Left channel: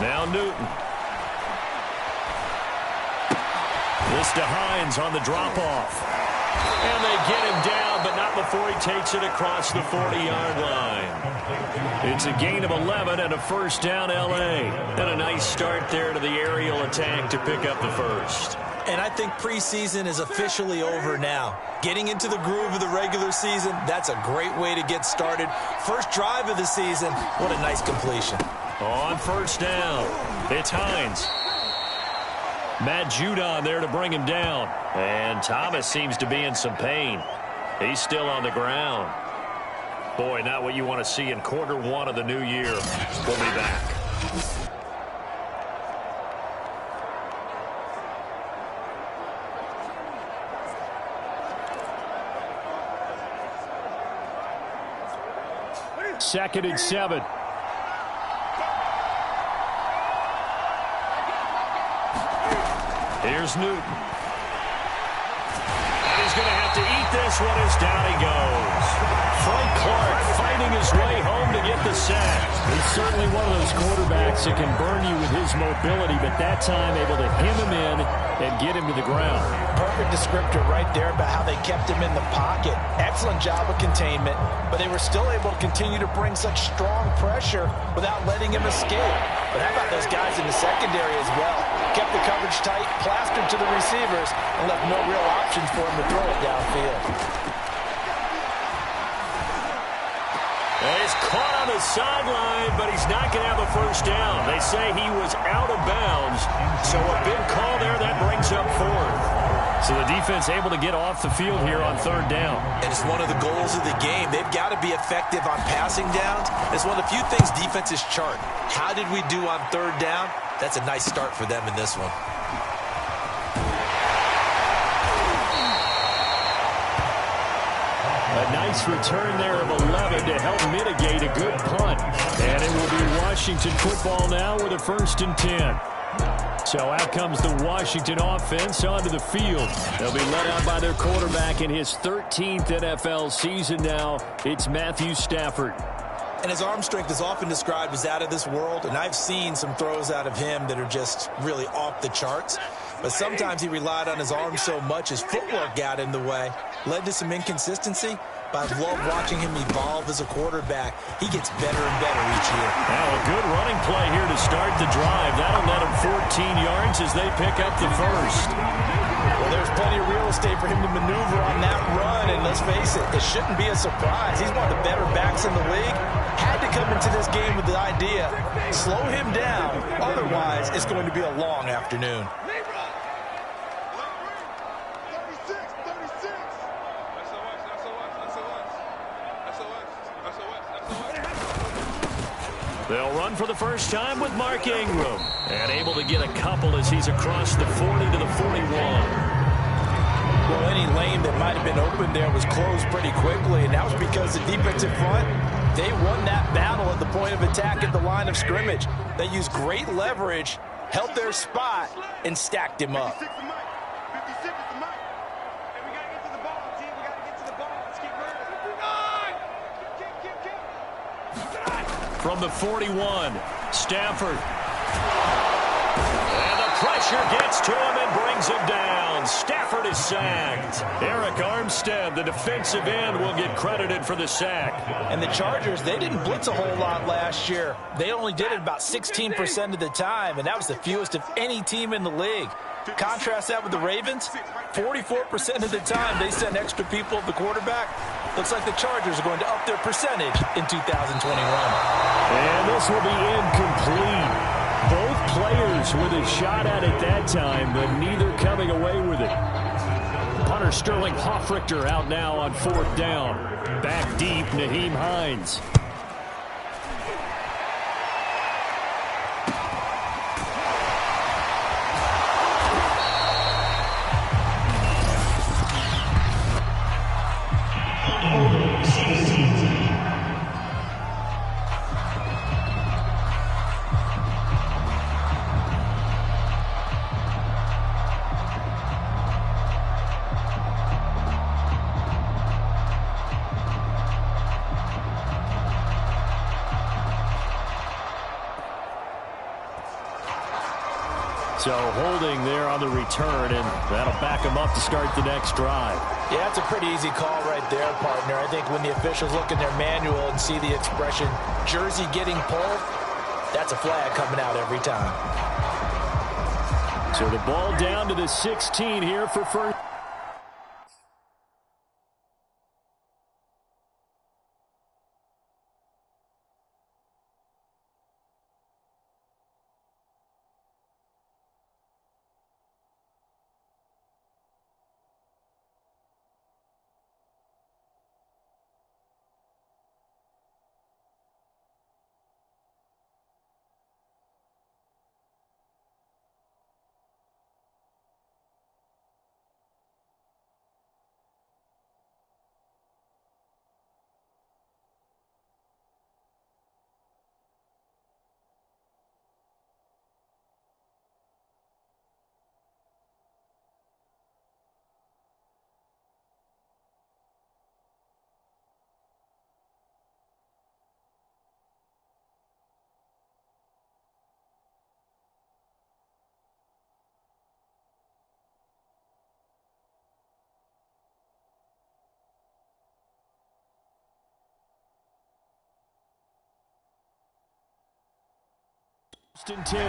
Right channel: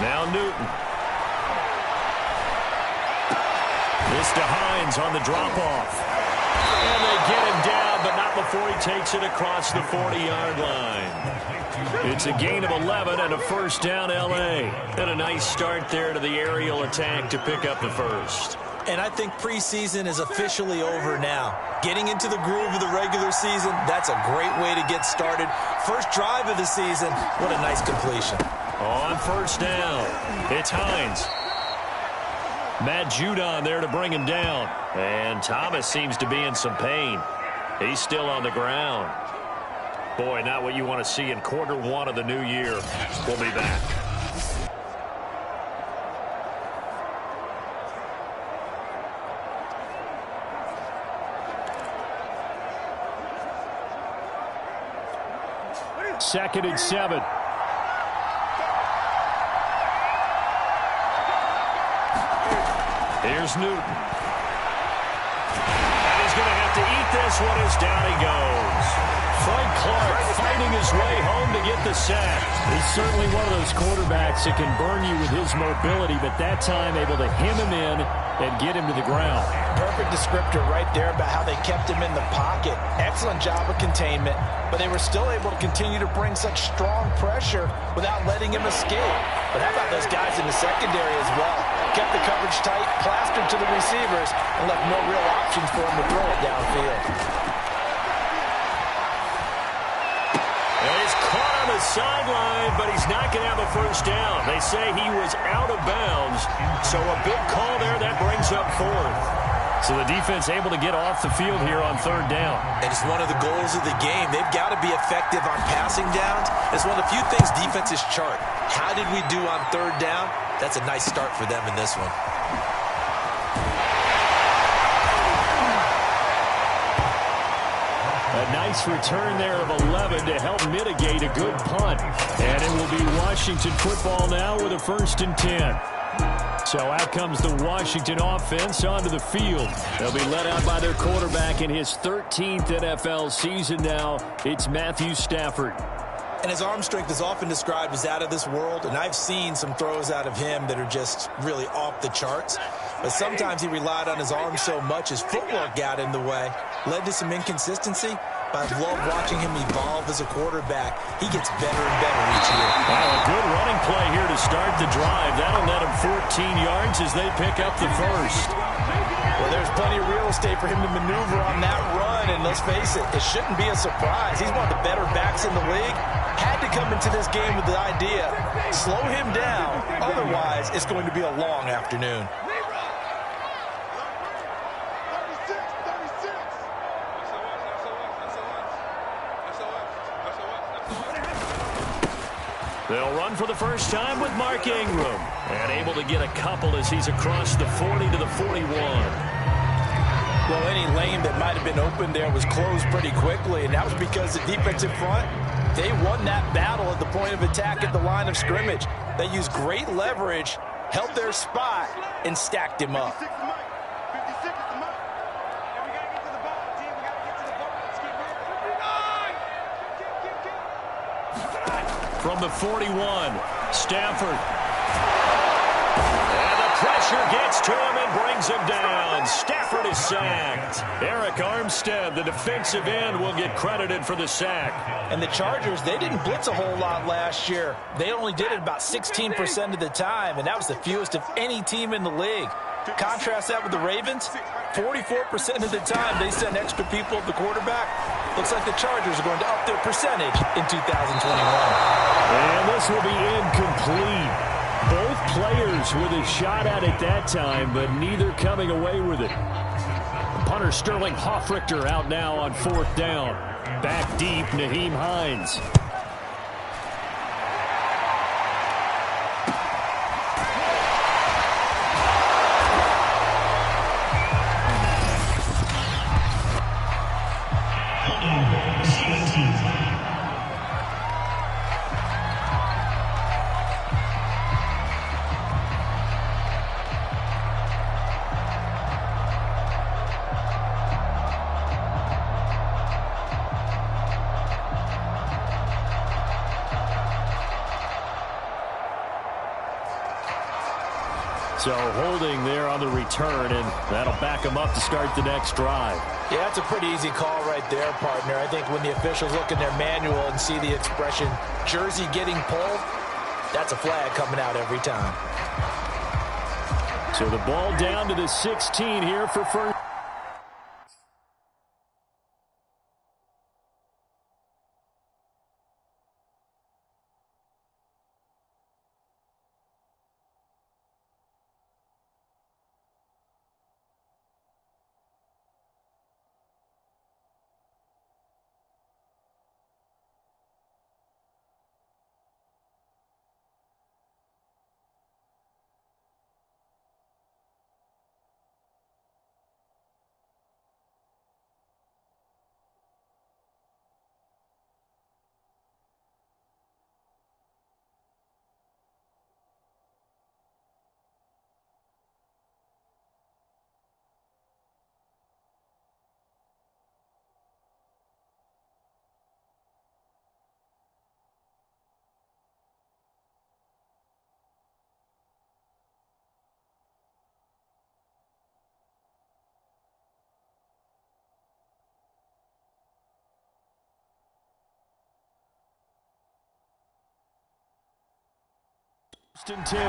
Now Newton. This to Hines on the drop-off. And they get him down, but not before he takes it across the 40-yard line. It's a gain of 11 and a first down, L.A. And a nice start there to the aerial attack to pick up the first. And I think preseason is officially over now. Getting into the groove of the regular season, that's a great way to get started. First drive of the season, what a nice completion. On first down, it's Hines. McChocoOfLore's there to bring him down. And Thomas seems to be in some pain. He's still on the ground. Boy, not what you want to see in quarter one of the new year. We'll be back. Second and 7. Here's Newton. And he's going to have to eat this one as down he goes. Frank Clark fighting his way home to get the sack. He's certainly one of those quarterbacks that can burn you with his mobility, but that time able to hem him in and get him to the ground. Perfect descriptor right there about how they kept him in the pocket. Excellent job of containment, but they were still able to continue to bring such strong pressure without letting him escape. But how about those guys in the secondary as well? Kept the coverage tight, plastered to the receivers, and left no real options for him to throw it downfield. He's caught on the sideline, but he's not going to have a first down. They say he was out of bounds, so a big call there that brings up fourth. So the defense able to get off the field here on third down. And it's one of the goals of the game. They've got to be effective on passing downs. It's one of the few things defenses chart. How did we do on third down? That's a nice start for them in this one. A nice return there of 11 to help mitigate a good punt. And it will be Washington football now with a 1st and 10. So out comes the Washington offense onto the field. They'll be led out by their quarterback in his 13th NFL season now. It's Matthew Stafford. And his arm strength is often described as out of this world, and I've seen some throws out of him that are just really off the charts. But sometimes he relied on his arm so much his footwork got in the way, led to some inconsistency. But I've loved watching him evolve as a quarterback. He gets better and better each year. Now a good running play here to start the drive. That'll net him 14 yards as they pick up the first. Well, there's plenty of real estate for him to maneuver on that run. And let's face it, it shouldn't be a surprise. He's one of the better backs in the league. Had to come into this game with the idea, slow him down. Otherwise, it's going to be a long afternoon. They'll run for the first time with Mark Ingram. And able to get a couple as he's across the 40 to the 41. Well, any lane that might have been open there was closed pretty quickly, and that was because the defensive front, they won that battle at the point of attack at the line of scrimmage. They used great leverage, held their spot, and stacked him up. From the 41, Stafford. And the pressure gets to him and brings him down. Stafford is sacked. Eric Armstead, the defensive end, will get credited for the sack. And the Chargers, they didn't blitz a whole lot last year. They only did it about 16% of the time, and that was the fewest of any team in the league. Contrast that with the Ravens, 44% of the time they send extra people at the quarterback. Looks like the Chargers are going to up their percentage in 2021. And this will be incomplete. Both players with a shot at it that time, but neither coming away with it. Punter Sterling Hoffrichter out now on 4th down. Back deep, Nyheim Hines. So holding there on the return, and that'll back them up to start the next drive. Yeah, that's a pretty easy call right there, partner. I think when the officials look in their manual and see the expression jersey getting pulled, that's a flag coming out every time. So the ball down to the 16 here for first. And 10.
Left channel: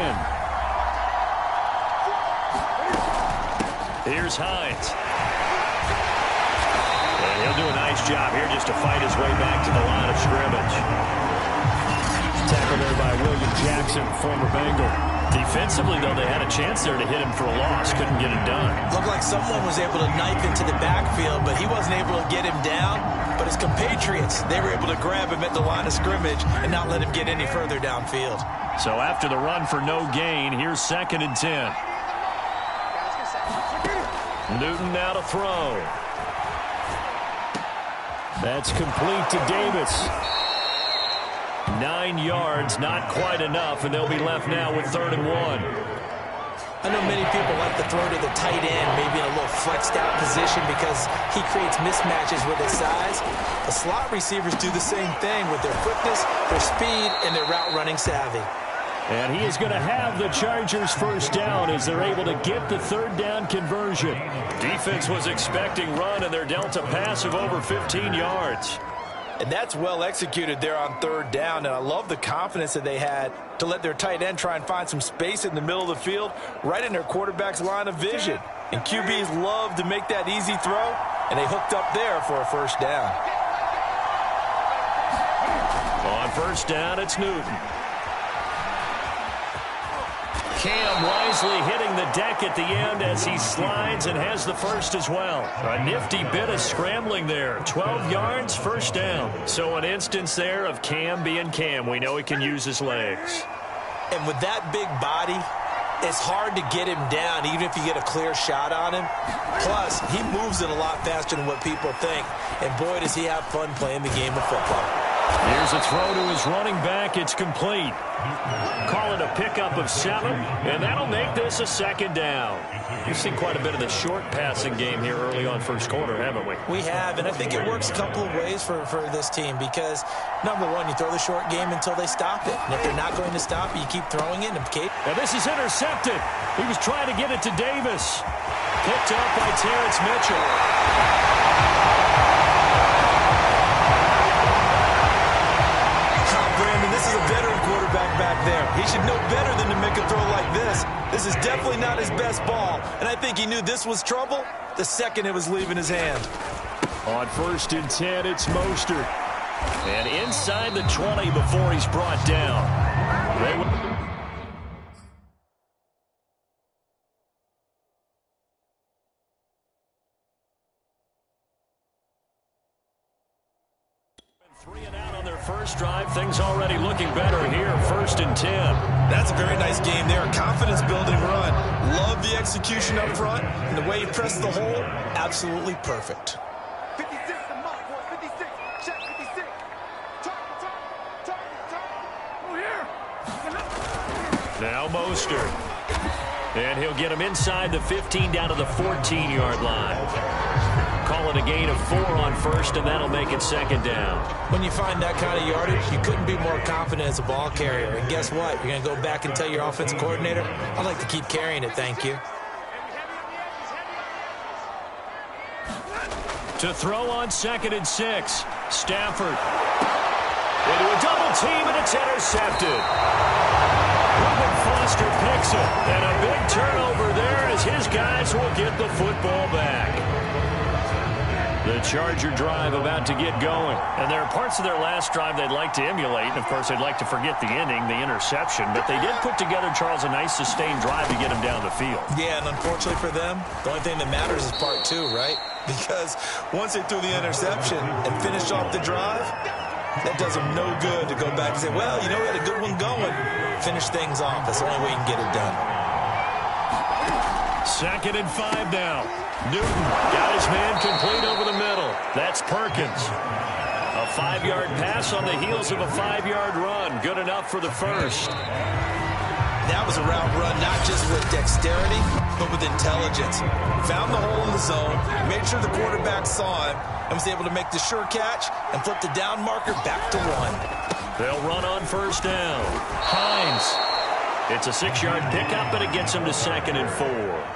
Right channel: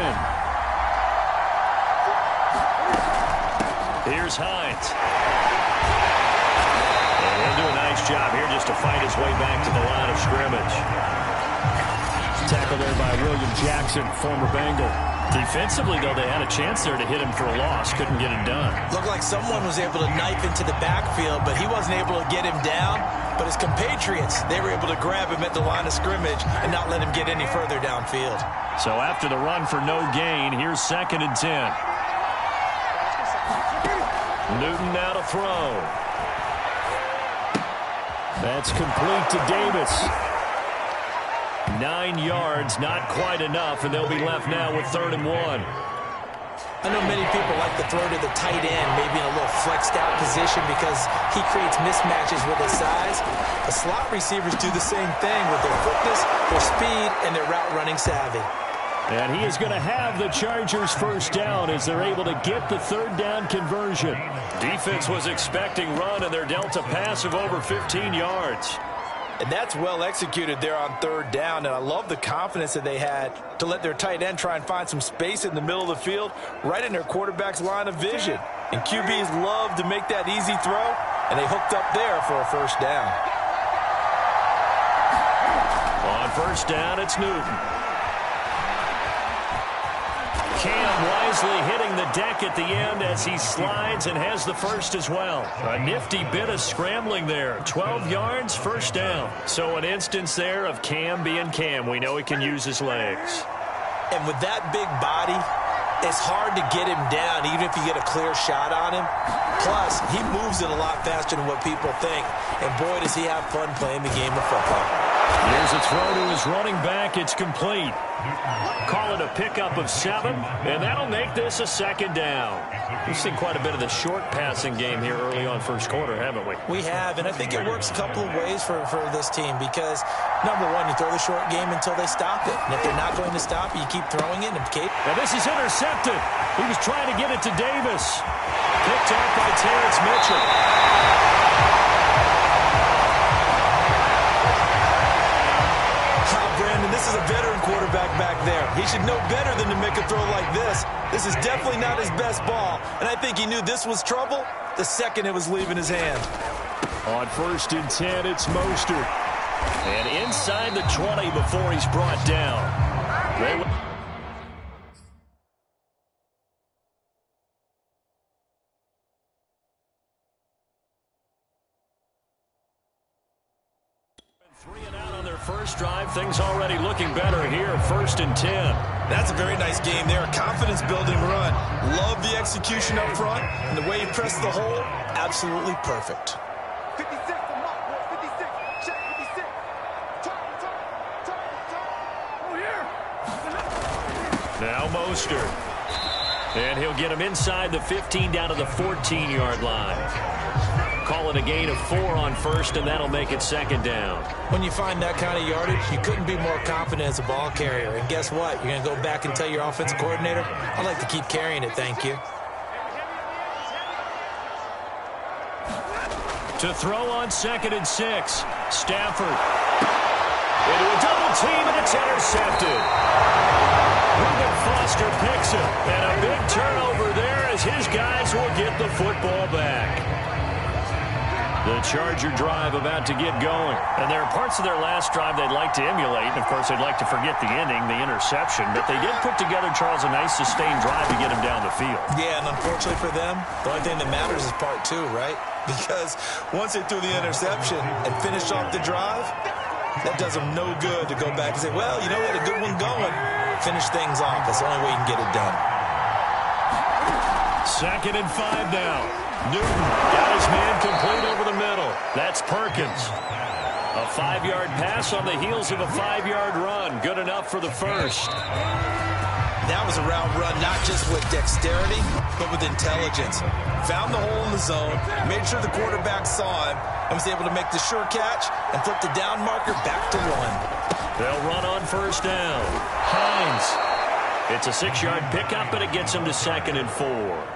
Here's Hines. And he'll do a nice job here just to fight his way back to the line of scrimmage. Tackle there by William Jackson, former Bengal. Defensively, though, they had a chance there to hit him for a loss. Couldn't get it done. Looked like someone was able to knife into the backfield, but he wasn't able to get him down. But his compatriots, they were able to grab him at the line of scrimmage and not let him get any further downfield. So after the run for no gain, here's 2nd and 10. Newton now to throw. That's complete to Davis. 9 yards, not quite enough, and they'll be left now with 3rd and 1. I know many people like to throw to the tight end, maybe in a little flexed out position because he creates mismatches with his size. The slot receivers do the same thing with their quickness, their speed, and their route running savvy. And he is going to have the Chargers first down as they're able to get the 3rd down conversion. Defense was expecting run, and they're dealt a pass of over 15 yards. And that's well executed there on 3rd down, and I love the confidence that they had to let their tight end try and find some space in the middle of the field, right in their quarterback's line of vision. And QBs love to make that easy throw, and they hooked up there for a first down. On first down, it's Newton. Cam wisely hitting the deck at the end as he slides and has the first as well. A nifty bit of scrambling there. 12 yards, first down. So an instance there of Cam being Cam. We know he can use his legs. And with that big body, it's hard to get him down even if you get a clear shot on him. Plus, he moves it a lot faster than what people think. And boy, does he have fun playing the game of football. Here's a throw to his running back. It's complete. Call it a pickup of 7, and that'll make this a 2nd down. We've seen quite a bit of the short passing game here early on first quarter, haven't we? We have, and I think it works a couple of ways for this team because, number one, you throw the short game until they stop it. And if they're not going to stop it, you keep throwing it. Now this is intercepted. He was trying to get it to Davis. Picked off by Terrence Mitchell. Brandon, this is a veteran quarterback back there. He should know better than to make a throw like this. This is definitely not his best ball, and I think he knew this was trouble the second it was leaving his hand. On 1st and 10, it's Mostert. And inside the 20 before he's brought down. Three and out on their first drive. Things already looking better here. 1st and 10. That's a very nice game there. Confidence-building run. Love the execution up front. And the way he pressed the hole, absolutely perfect. 56, the mark, boys. 56. Check 56. Turn. Oh, here. Now Mostert. And he'll get him inside the 15 down to the 14-yard line. call it a gain of 4 on first, and that'll make it second down. When you find that kind of yardage, you couldn't be more confident as a ball carrier. And guess what? You're going to go back and tell your offensive coordinator, I'd like to keep carrying it, thank you. To throw on 2nd and 6. Stafford. Into a double team, and it's intercepted. Reuben Foster picks it, and a big turnover there as his guys will get the football back. The Charger drive about to get going. And there are parts of their last drive they'd like to emulate. And, of course, they'd like to forget the ending, the interception. But they did put together, Charles, a nice sustained drive to get him down the field. Yeah, and unfortunately for them, the only thing that matters is part 2, right? Because once they threw the interception and finished off the drive, that does them no good to go back and say, well, you know, we had a good one going. Finish things off. That's the only way you can get it done. 2nd and 5 now. Newton got his man complete over the middle. That's Perkins. A 5-yard pass on the heels of a 5-yard run. Good enough for the first. That was a route run, not just with dexterity, but with intelligence. Found the hole in the zone, made sure the quarterback saw him, and was able to make the sure catch and flip the down marker back to 1. They'll run on first down. Hines. It's a 6-yard pickup, but it gets him to 2nd and 4.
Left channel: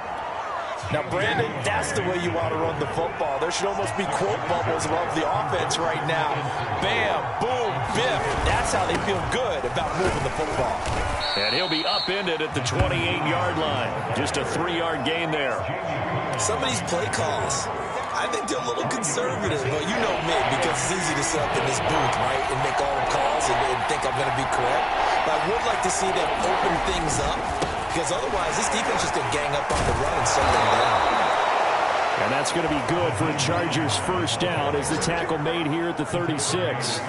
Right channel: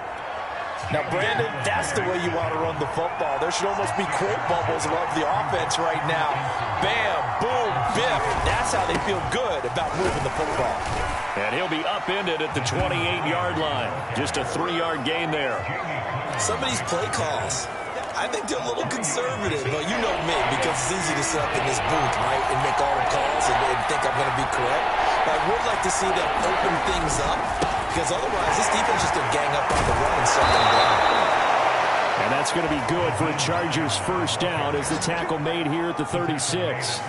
Now, Brandon, that's the way you want to run the football. There should almost be quote bubbles above the offense right now. Bam, boom, biff. That's how they feel good about moving the football. And he'll be upended at the 28-yard line. Just a 3-yard gain there. Some of these play calls, I think they're a little conservative, but you know me, because it's easy to sit up in this booth, right, and make all the calls and think I'm going to be correct. But I would like to see them open things up, because otherwise this defense is going to gang up on the run and shut them down. And that's going to be good for a Chargers first down as the tackle made here at the 36.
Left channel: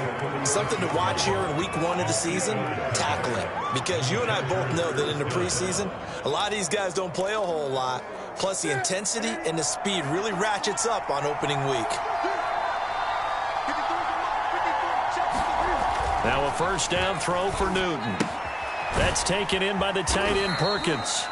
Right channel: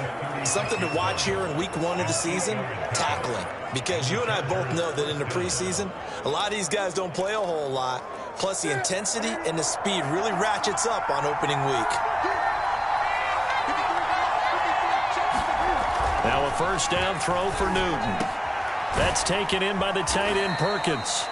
Something to watch here in week 1 of the season, tackling. Because you and I both know that in the preseason, a lot of these guys don't play a whole lot. Plus, the intensity and the speed really ratchets up on opening week. Now a first down throw for Newton. That's taken in by the tight end Perkins.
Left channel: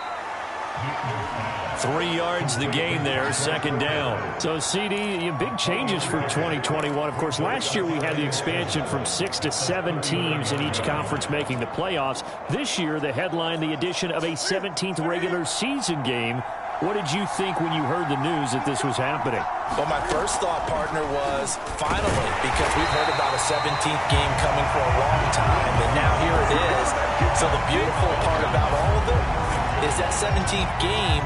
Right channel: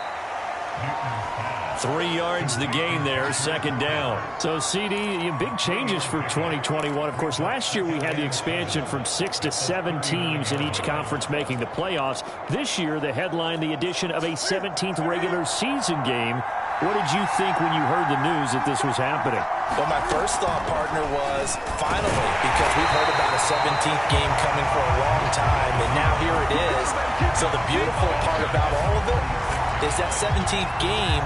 3 yards the gain there, 2nd down. So, CD, big changes for 2021. Of course, last year we had the expansion from 6 to 7 teams in each conference making the playoffs. This year, the headline, the addition of a 17th regular season game. What did you think when you heard the news that this was happening? Well, my first thought, partner, was finally, because we've heard about a 17th game coming for a long time, and now here it is. So the beautiful part about all of it is that 17th game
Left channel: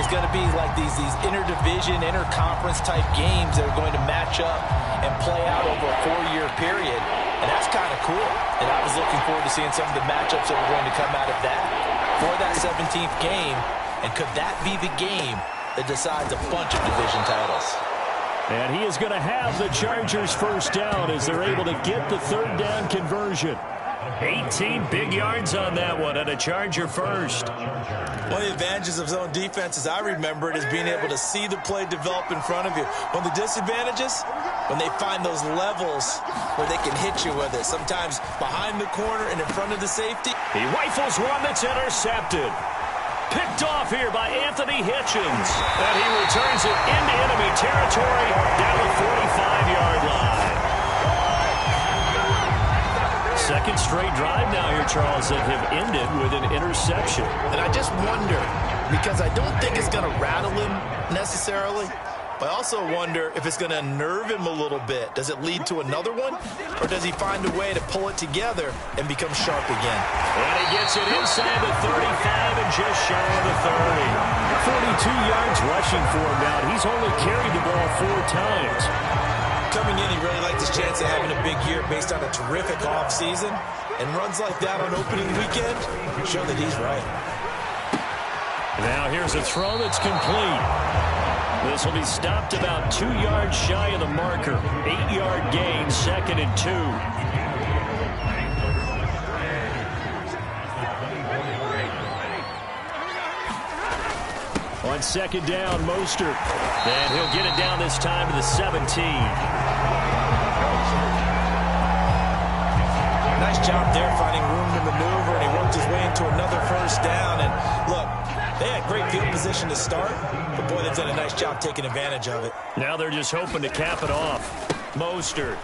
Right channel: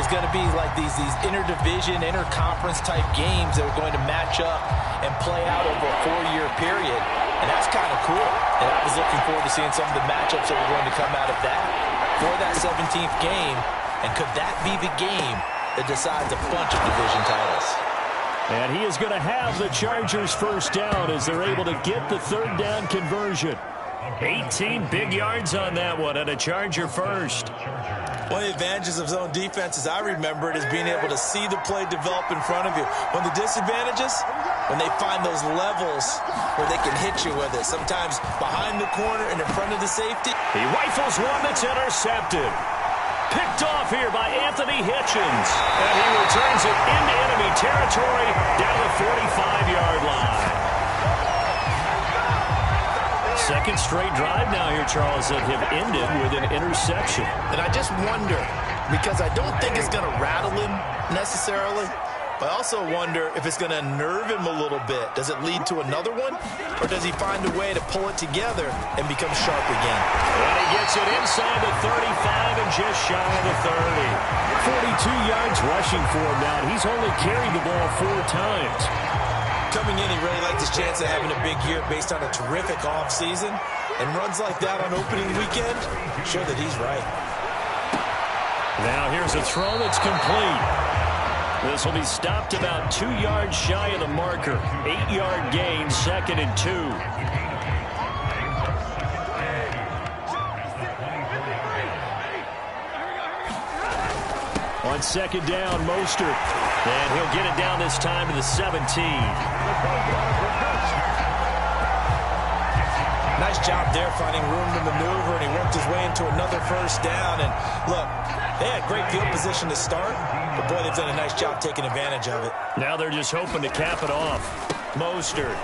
is going to be like these interdivision, interconference type games that are going to match up and play out over a 4-year period. And that's kind of cool. And I was looking forward to seeing some of the matchups that were going to come out of that for that 17th game. And could that be the game that decides a bunch of division titles? And he is going to have the Chargers first down as they're able to get the 3rd down conversion. 18 big yards on that one and a Charger first. One of the advantages of zone defense, as I remember it, is being able to see the play develop in front of you. One of the disadvantages, when they find those levels where they can hit you with it, sometimes behind the corner and in front of the safety. He rifles one that's intercepted. Picked off here by Anthony Hitchens. And he returns it into enemy territory down the 45-yard line. Second straight drive now here, Charles, that have ended with an interception. And I just wonder, because I don't think it's going to rattle him necessarily, but I also wonder if it's going to unnerve him a little bit. Does it lead to another one? Or does he find a way to pull it together and become sharp again? And he gets it inside the 35 and just shy of the 30. 42 yards rushing for him now. He's only carried the ball 4 times. Coming in, he really liked his chance of having a big year based on a terrific offseason. And runs like that on opening weekend show that he's right. Now here's a throw that's complete. This will be stopped about 2 yards shy of the marker. 8-yard gain, 2nd and 2. On 2nd down, Mostert. And he'll get it down this time to the 17. Nice job there finding room to maneuver, and he worked his way into another first down. And look, They had great field position to start, but boy, they've done a nice job taking advantage of it. Now they're just hoping to cap it off. Mostert.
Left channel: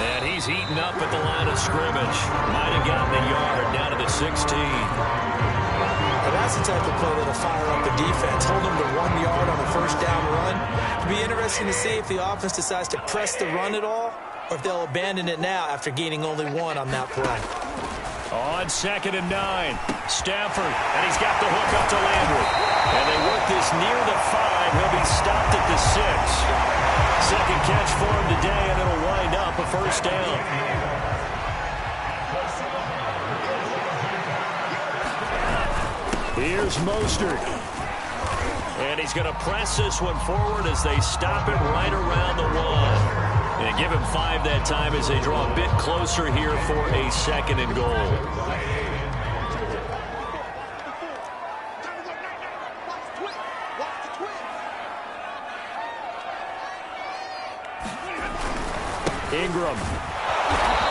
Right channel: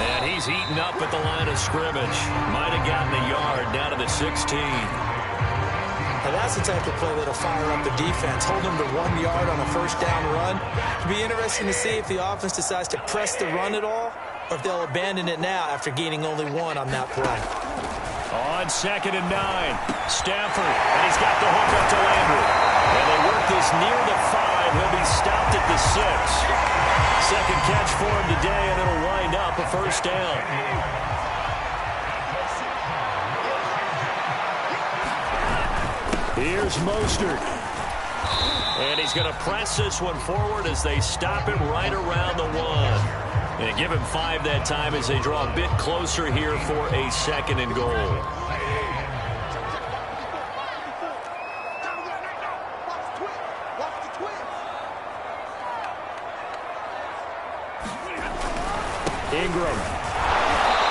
And he's eaten up at the line of scrimmage. Might have gotten a yard down to the 16. Now that's the type of play that'll fire up the defense. Hold them to 1 yard on a first down run. It'll be interesting to see if the offense decides to press the run at all, or if they'll abandon it now after gaining only 1 on that play. On 2nd and 9, Stafford, and he's got the hook up to Landry. And they work this near the 5. He'll be stopped at the 6. Second catch for him today, and it'll wind up a first down. Here's Mostert. And he's going to press this one forward as they stop him right around the 1. And give him 5 that time as they draw a bit closer here for a 2nd and goal. Ingram.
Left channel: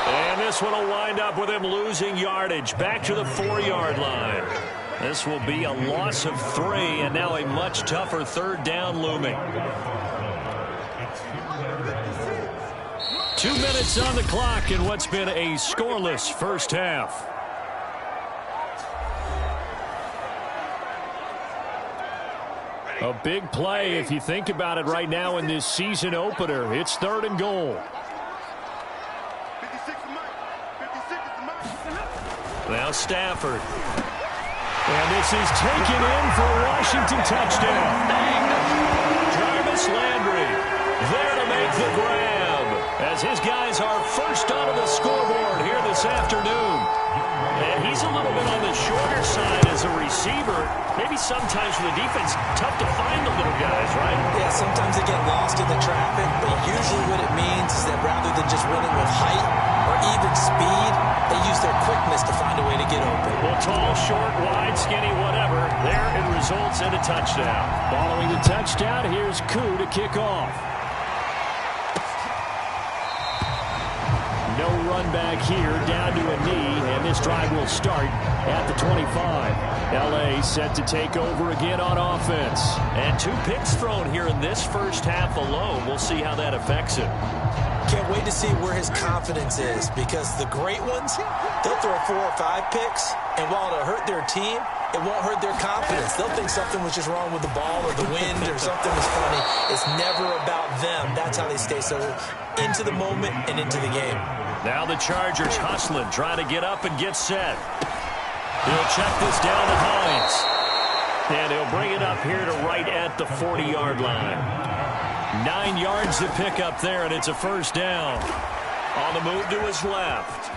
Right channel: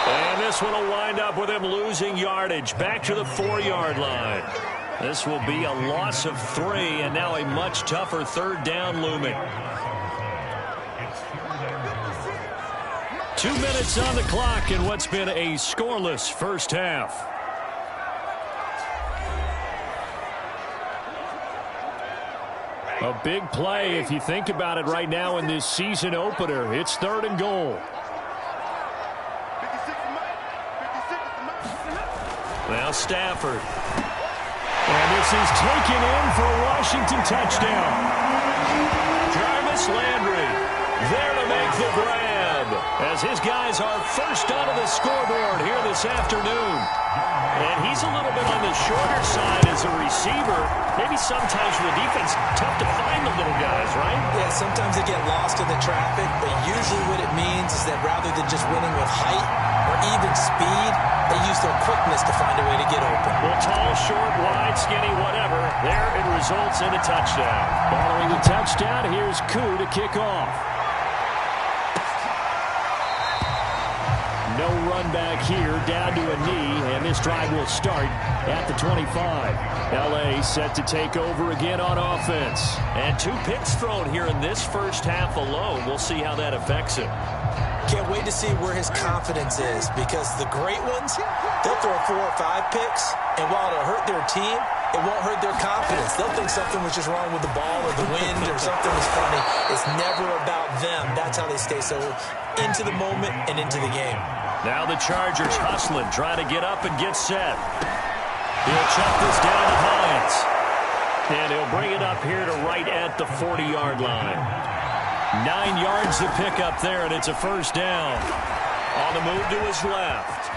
And this one will wind up with him losing yardage. Back to the 4-yard line. This will be a loss of 3, and now a much tougher 3rd down looming. 2 minutes on the clock in what's been a scoreless first half. A big play if you think about it right now in this season opener. It's 3rd and goal. Now Stafford. And this is taken in for a Washington touchdown. Jarvis Landry there to make the grab as his guys are first onto the scoreboard here this afternoon. And he's a little bit on the shorter side as a receiver. Maybe sometimes for the defense, tough to find the little guys, right? Yeah, sometimes they get lost in the traffic, but usually what it means is that rather than just winning with height or even speed, they use their quickness to find a way to get open. Well, tall, short, wide, skinny, whatever, there it results in a touchdown. Following the touchdown, here's Koo to kick off. No run back here, down to a knee, and this drive will start at the 25. L.A. set to take over again on offense. And 2 picks thrown here in this first half alone. We'll see how that affects it. Can't wait to see where his confidence is, because the great ones, they'll throw 4 or 5 picks, and while it'll hurt their team, it won't hurt their confidence. They'll think something was just wrong with the ball or the wind or something was funny. It's never about them. That's how they stay so into the moment and into the game. Now the Chargers hustling, trying to get up and get set. He'll check this down to Hines. And he'll bring it up here to right at the 40-yard line. 9 yards to pick up there, and it's a first down. On the move to his left.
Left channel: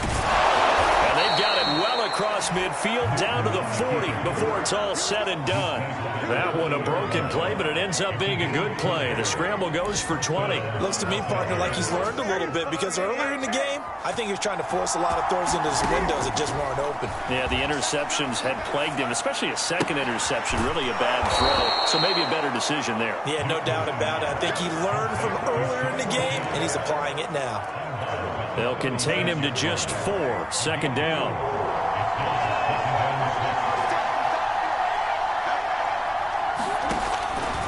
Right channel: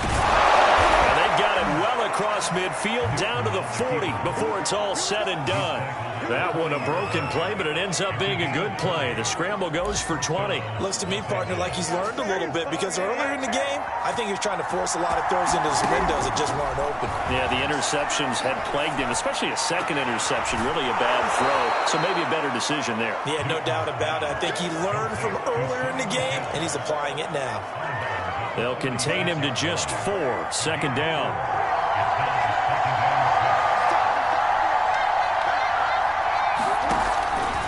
And they've got it well across midfield, down to the 40 before it's all said and done. That one a broken play, but it ends up being a good play. The scramble goes for 20. Looks to me, partner, like he's learned a little bit, because earlier in the game, I think he was trying to force a lot of throws into his windows that just weren't open. Yeah, the interceptions had plagued him, especially a second interception, really a bad throw. So maybe a better decision there. Yeah, no doubt about it. I think he learned from earlier in the game, and he's applying it now. They'll contain him to just 4. Second down.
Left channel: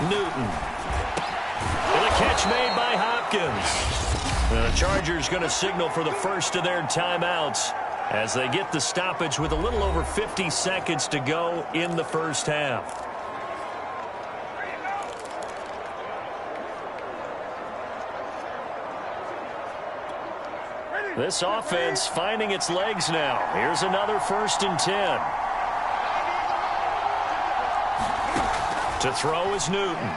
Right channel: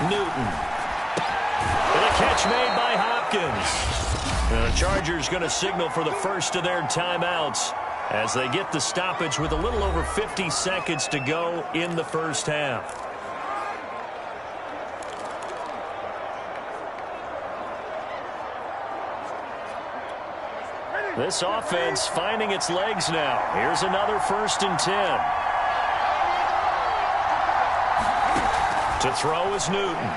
Newton. And a catch made by Hopkins. And the Chargers going to signal for the first of their timeouts as they get the stoppage with a little over 50 seconds to go in the first half. This offense finding its legs now. Here's another 1st and 10. To throw is Newton.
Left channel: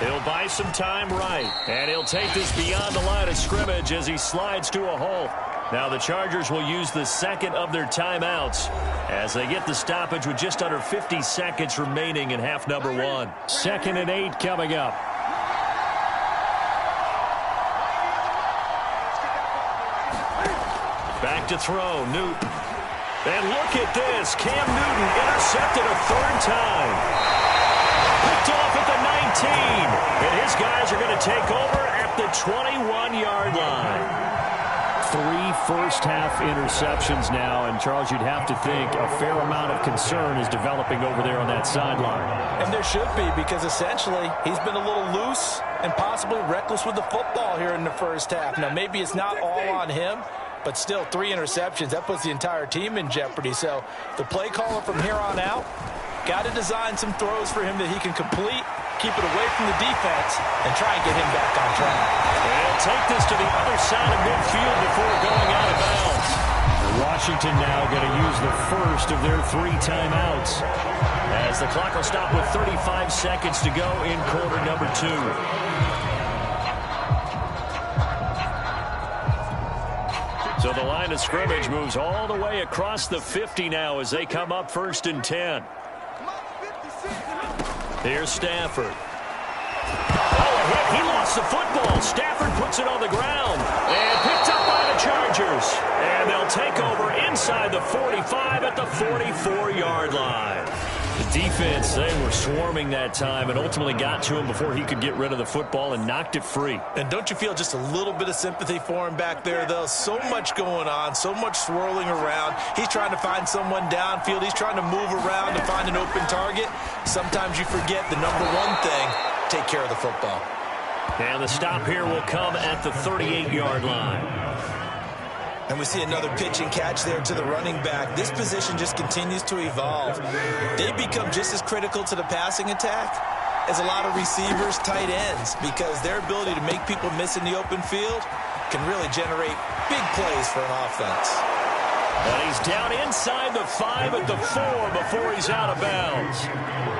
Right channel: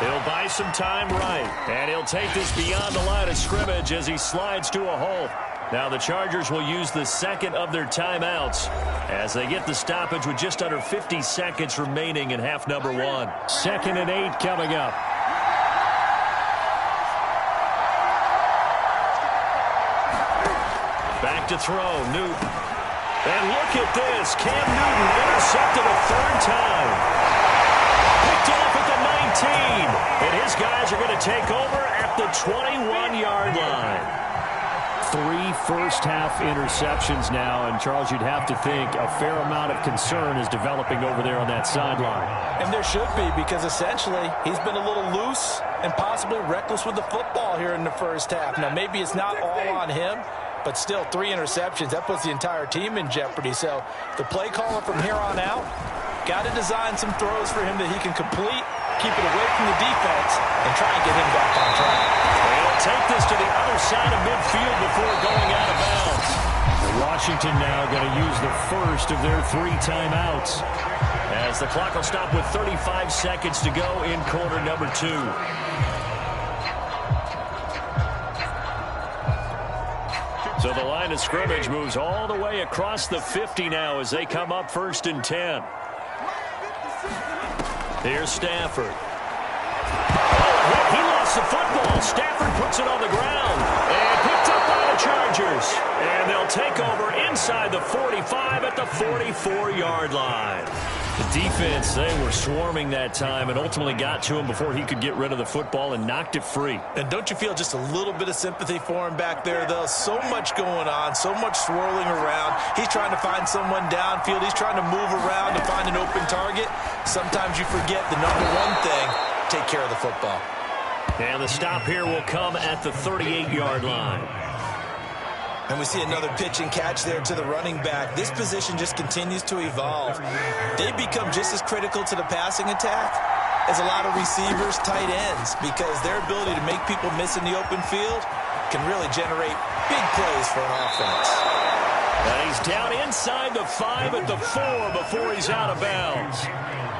He'll buy some time right. And he'll take this beyond the line of scrimmage as he slides to a halt. Now the Chargers will use the second of their timeouts as they get the stoppage with just under 50 seconds remaining in half number 1. 2nd and 8 coming up. Back to throw, Newton. And look at this. Cam Newton intercepted a 3rd time. Picked off at the 19. And his guys are going to take over at the 21-yard line. 3 first-half interceptions now, and Charles, you'd have to think a fair amount of concern is developing over there on that sideline. And there should be, because essentially he's been a little loose and possibly reckless with the football here in the first half. Now, maybe it's not all on him, but still 3 interceptions. That puts the entire team in jeopardy. So the play caller from here on out got to design some throws for him that he can complete, keep it away from the defense, and try and get him back on track. They'll take this to the other side of midfield before going out of bounds. Washington now going to use the first of their 3 timeouts, as the clock will stop with 35 seconds to go in quarter number 2. So the line of scrimmage moves all the way across the 50 now as they come up 1st and 10. Here's Stafford. Oh, a hit. He lost the football. Stafford puts it on the ground and picked up by the Chargers. And they'll take over inside the 45 at the 44-yard line. The defense, they were swarming that time and ultimately got to him before he could get rid of the football and knocked it free. And don't you feel just a little bit of sympathy for him back there, though? So much going on, so much swirling around. He's trying to find someone downfield. He's trying to move around to find an open target. Sometimes you forget the number one thing, take care of the football. And the stop here will come at the 38-yard line. And we see another pitch and catch there to the running back. This position just continues to evolve. They become just as critical to the passing attack as a lot of receivers, tight ends, because their ability to make people miss in the open field can really generate big plays for an offense. And he's down inside the 5 at the 4 before he's out of bounds.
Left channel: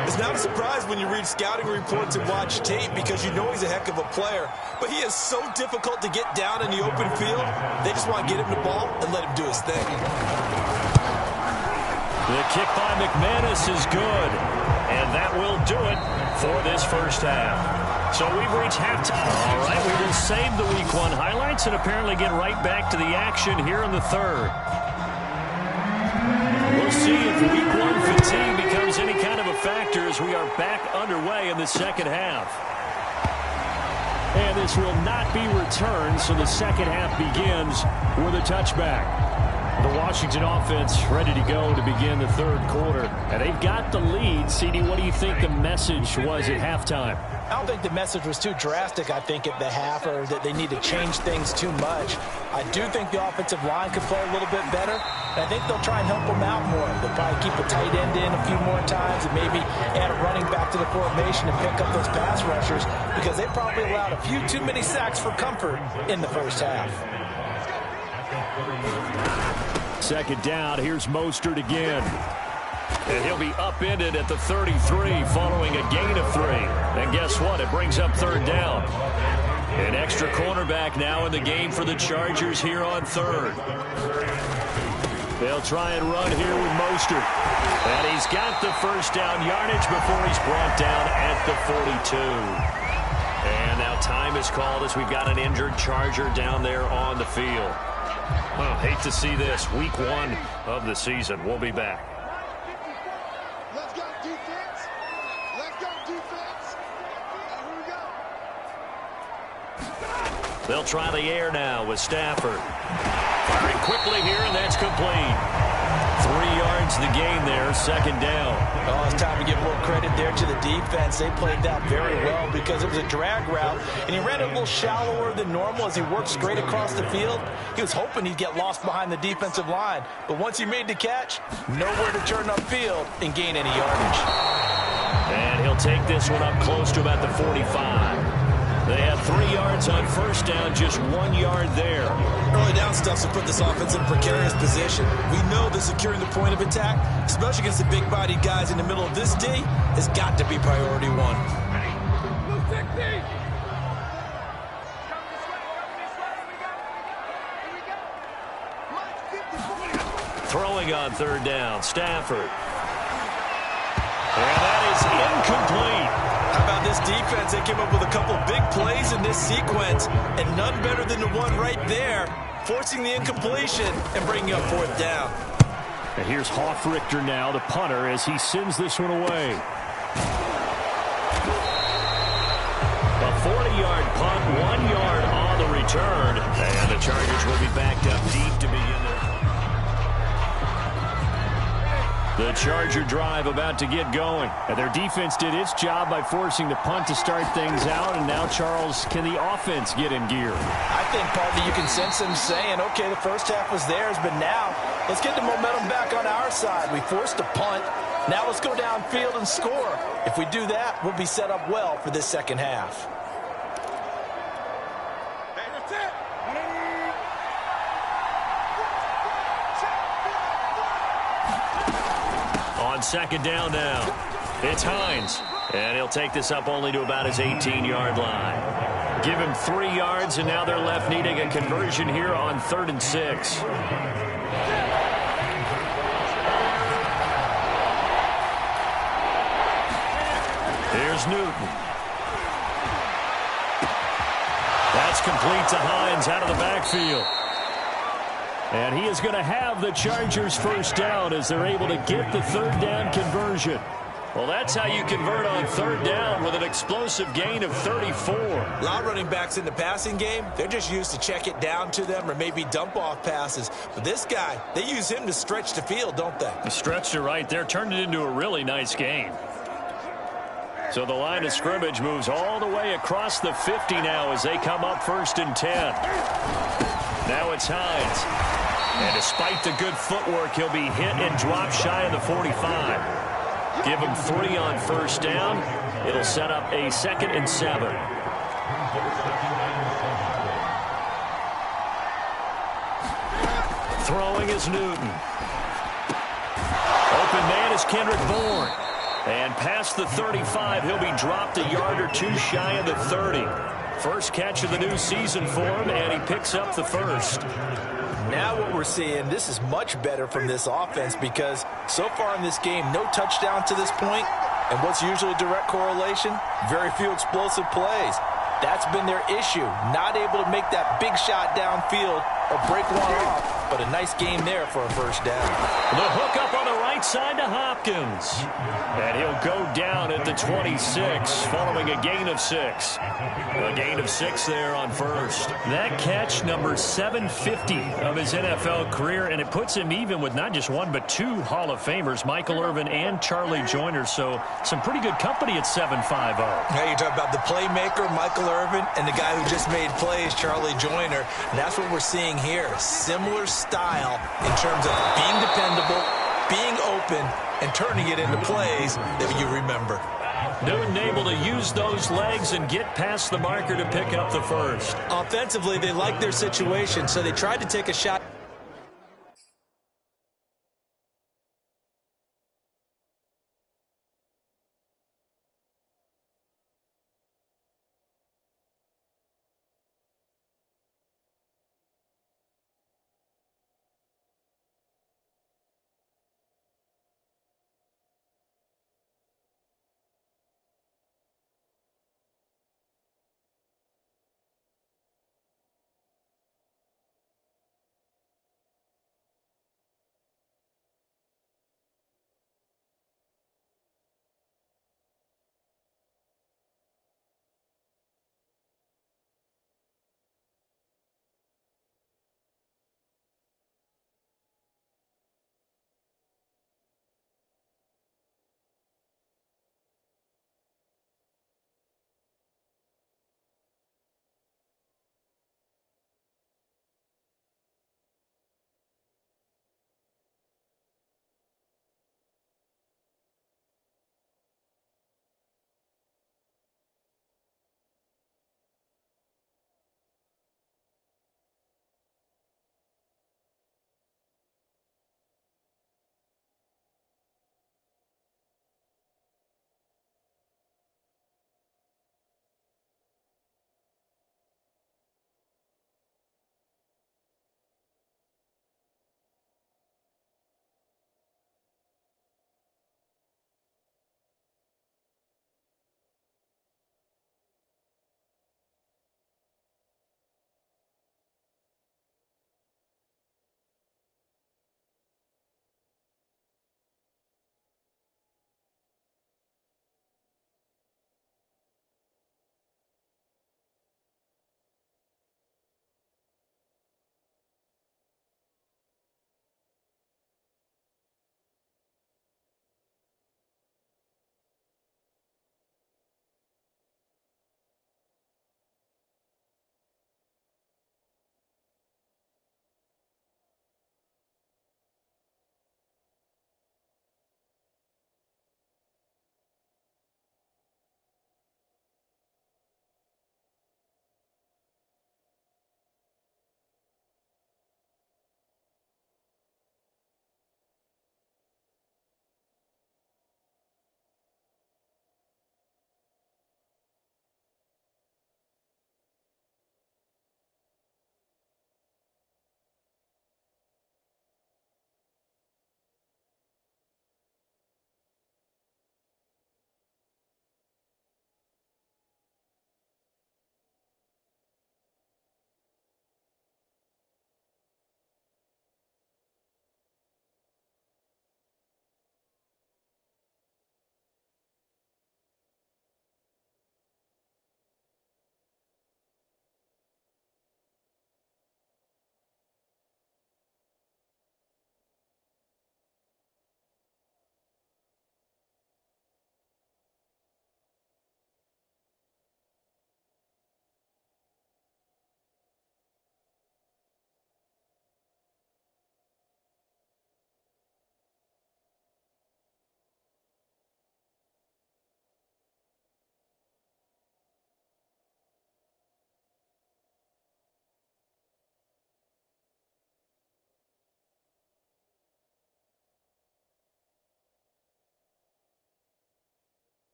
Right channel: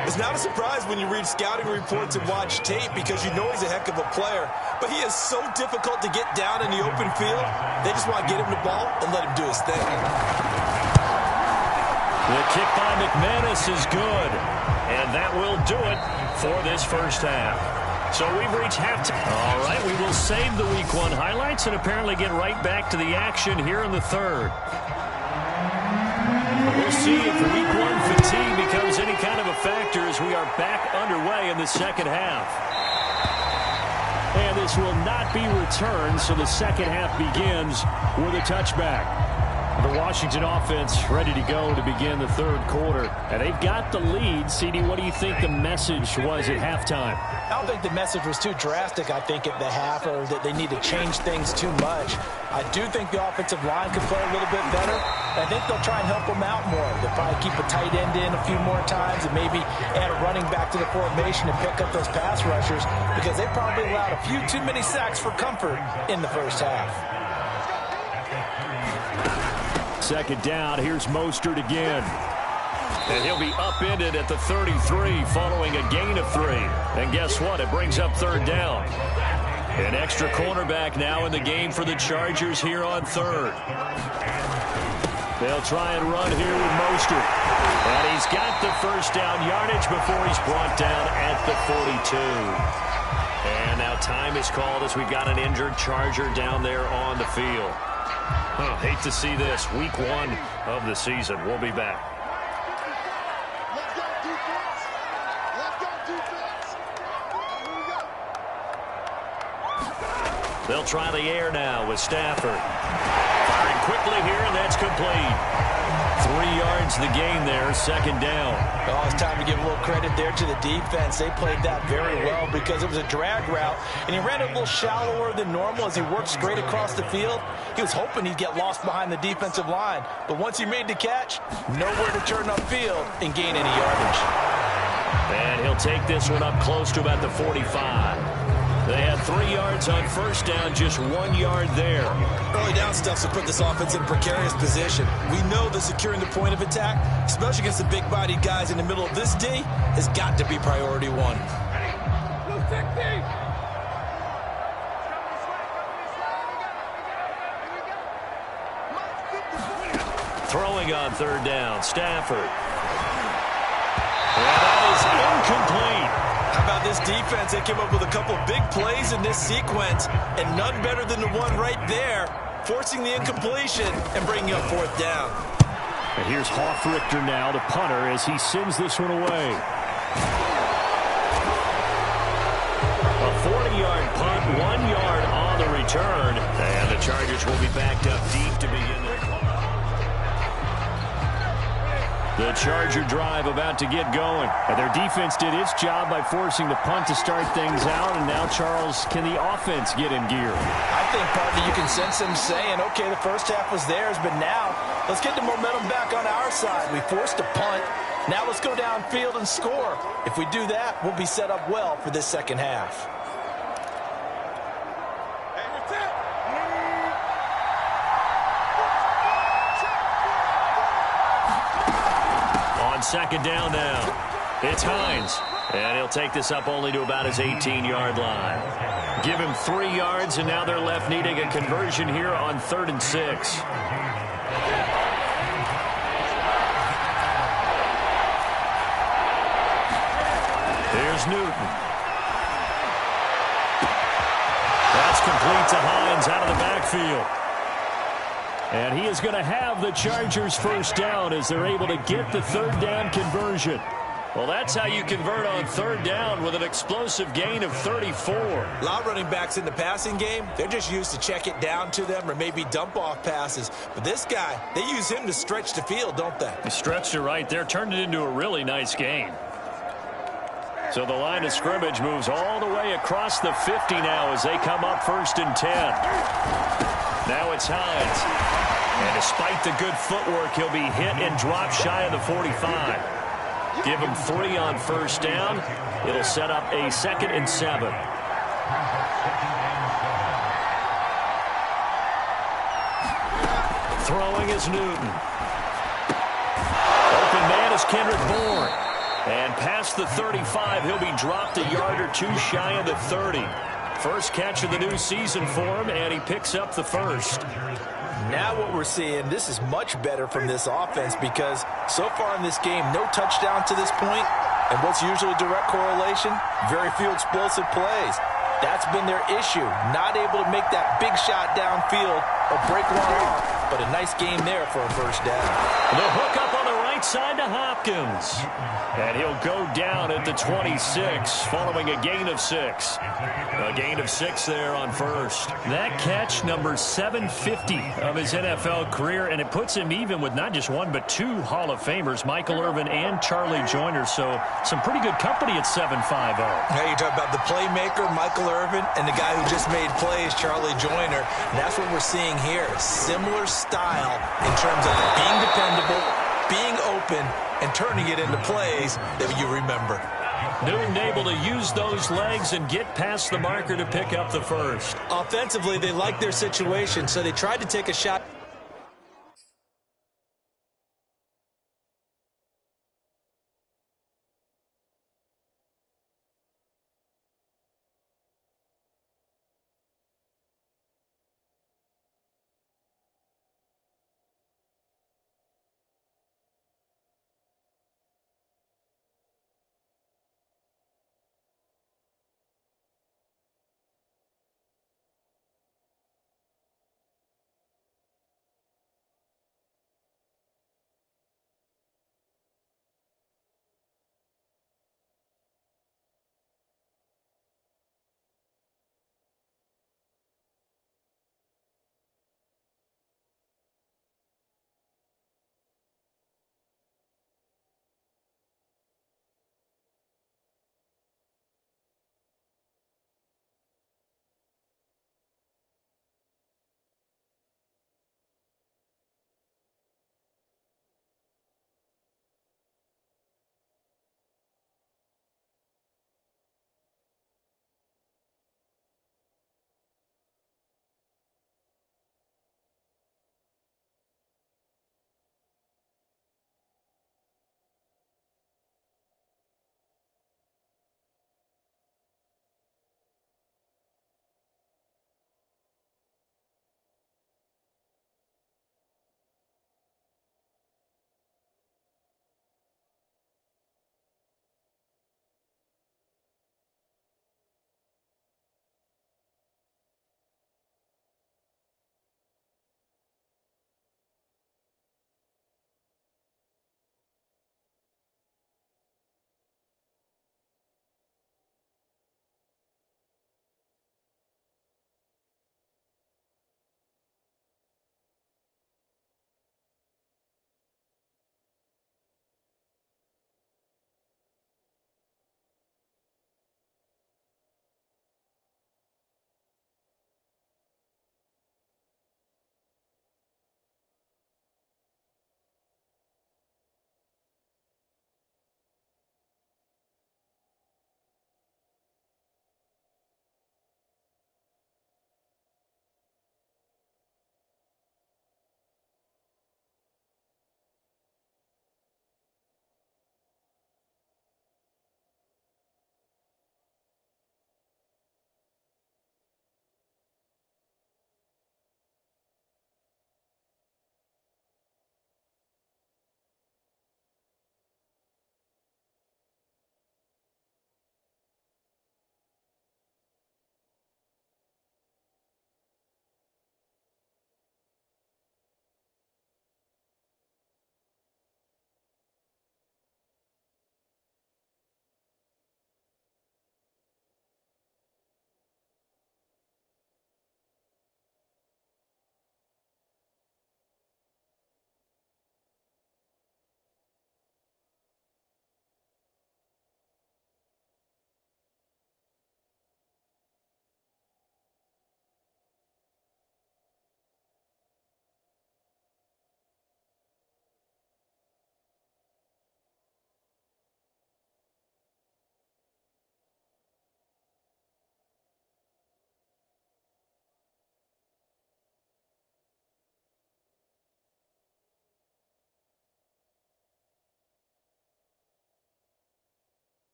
It's not a surprise when you read scouting reports and watch tape, because you know he's a heck of a player. But he is so difficult to get down in the open field. They just want to get him the ball and let him do his thing. The kick by McManus is good. And that will do it for this first half. So we've reached halftime. All right, we will save the Week 1 highlights and apparently get right back to the action here in the third. We'll see if Week 1 fatigue becomes any kind of a factor as we are back underway in the second half. And this will not be returned, so the second half begins with a touchback. The Washington offense ready to go to begin the third quarter. And they've got the lead. CD, what do you think the message was at halftime? I don't think the message was too drastic, I think, at the half, or that they need to change things too much. I do think the offensive line could play a little bit better. And I think they'll try and help them out more. They'll probably keep a tight end in a few more times and maybe add a running back to the formation and pick up those pass rushers, because they probably allowed a few too many sacks for comfort in the first half. Second down, here's Mostert again. And he'll be upended at the 33 following a gain of 3. And guess what? It brings up third down. An extra cornerback now in the game for the Chargers here on third. They'll try and run here with Mostert. And he's got the first down yardage before he's brought down at the 42. And now time is called as we've got an injured Charger down there on the field. Hate to see this. Week 1 of the season. We'll be back. Let's go, defense. Let's go, defense. Here we go. They'll try the air now with Stafford. Firing quickly here, and that's complete. 3 yards the gain there, second down. Oh, it's time to give a little credit there to the defense. They played that very well because it was a drag route, and he ran it a little shallower than normal as he worked straight across the field. He was hoping he'd get lost behind the defensive line, but once he made the catch, nowhere to turn upfield and gain any yardage. And he'll take this one up close to about the 45. They had 3 yards on first down, just 1 yard there. Early down stuff to put this offense in a precarious position. We know that securing the point of attack, especially against the big-bodied guys in the middle of this D, has got to be priority 1. Blue technique. Throwing on third down, Stafford. And that is incomplete. How about this defense? They came up with a couple big plays in this sequence, and none better than the one right there, forcing the incompletion and bringing up fourth down. And here's Hoffrichter now, the punter, as he sends this one away. A 40-yard punt, 1 yard on on the return. And the Chargers will be backed up deep to begin their clock. The Charger drive about to get going. And their defense did its job by forcing the punt to start things out. And now, Charles, can the offense get in gear? I think, partly, you can sense them saying, okay, the first half was theirs, but now let's get the momentum back on our side. We forced a punt. Now let's go downfield and score. If we do that, we'll be set up well for this second half. Hey, that's it. On second down now, it's Hines. And he'll take this up only to about his 18-yard line. Give him 3 yards, and now they're left needing a conversion here on 3rd and 6. Here's Newton. That's complete to Hines out of the backfield. And he is going to have the Chargers first down as they're able to get the 3rd down conversion. Well, that's how you convert on 3rd down with an explosive gain of 34. A lot of running backs in the passing game, they're just used to check it down to them or maybe dump off passes. But this guy, they use him to stretch the field, don't they? He stretched it right there, turned it into a really nice game. So the line of scrimmage moves all the way across the 50 now as they come up 1st and 10. Now it's Hines. And despite the good footwork, he'll be hit and dropped shy of the 45. Give him 3 on 1st down. It'll set up a 2nd and 7. Throwing is Newton. Open man is Kendrick Bourne. And past the 35, he'll be dropped a yard or 2 shy of the 30. First catch of the new season for him, and he picks up the 1st. Now what we're seeing, this is much better from this offense because so far in this game, no touchdown to this point, and what's usually a direct correlation? Very few explosive plays. That's been their issue, not able to make that big shot downfield or break one off, but a nice game there for a 1st down. The hook up on the right side to Hopkins. And he'll go down at the 26 following a gain of 6. A gain of 6 there on 1st. That catch, number 750 of his NFL career, and it puts him even with not just 1 but 2 Hall of Famers, Michael Irvin and Charlie Joyner. So some pretty good company at 750. Yeah, you talk about the playmaker, Michael Irvin, and the guy who just made plays, Charlie Joyner. And that's what we're seeing here. Similar style in terms of being dependable, being open, and turning it into plays that you remember. Newton able to use those legs and get past the marker to pick up the 1st. Offensively, they like their situation, so they tried to take a shot.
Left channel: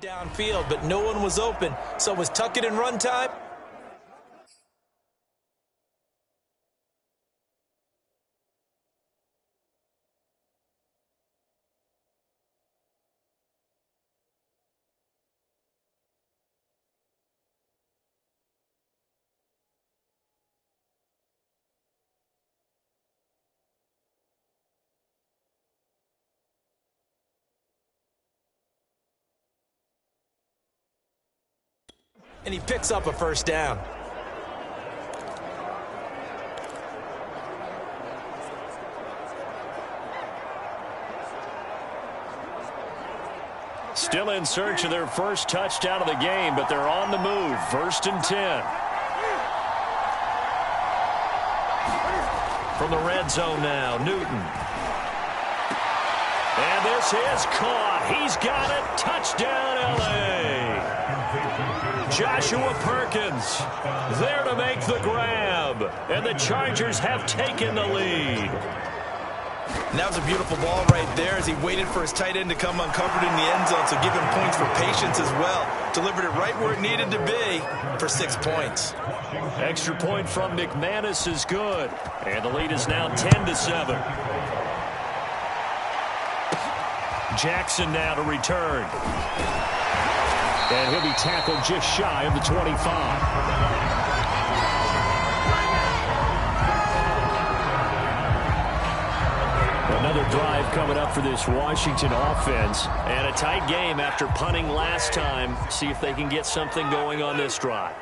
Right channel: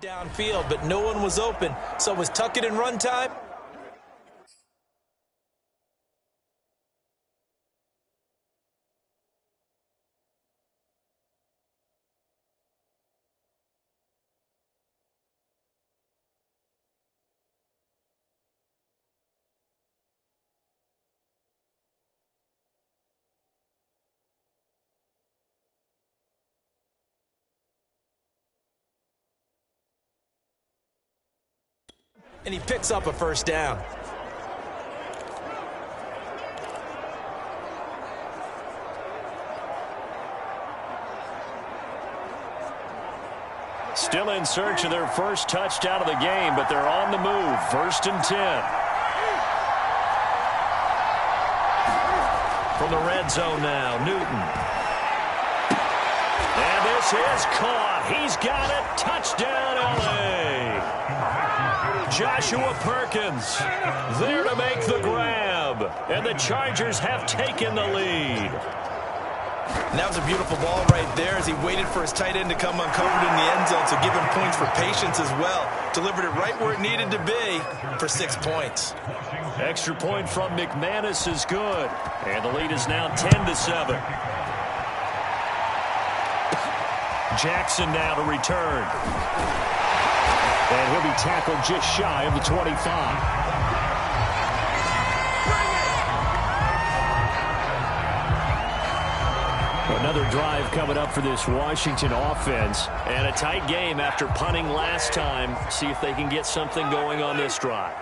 Downfield, but no one was open. So was tuck it and run time. And he picks up a first down. Still in search of their first touchdown of the game, but they're on the move. 1st and 10. From the red zone now, Newton. And this is caught. He's got it. Touchdown, L.A. Joshua Perkins there to make the grab. And the Chargers have taken the lead. And that was a beautiful ball right there as he waited for his tight end to come uncovered in the end zone, so give him points for patience as well. Delivered it right where it needed to be for 6 points. Extra point from McManus is good. And the lead is now 10-7. Jackson now to return. And he'll be tackled just shy of the 25. Another drive coming up for this Washington offense. And a tight game after punting last time. See if they can get something going on this drive.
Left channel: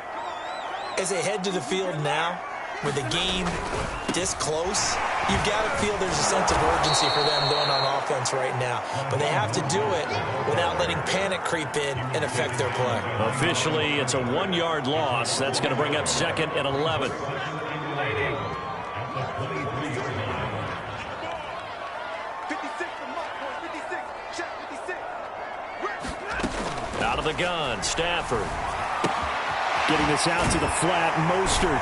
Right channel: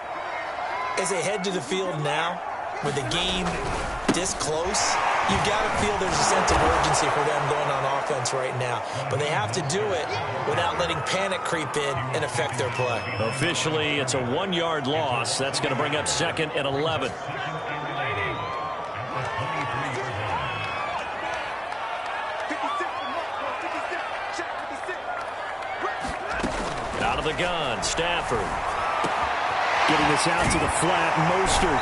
As they head to the field now, with the game this close, you've got to feel there's a sense of urgency for them going on offense right now. But they have to do it without letting panic creep in and affect their play. Officially, it's a 1-yard loss. That's going to bring up 2nd and 11. Out of the gun, Stafford. Getting this out to the flat, Mostert.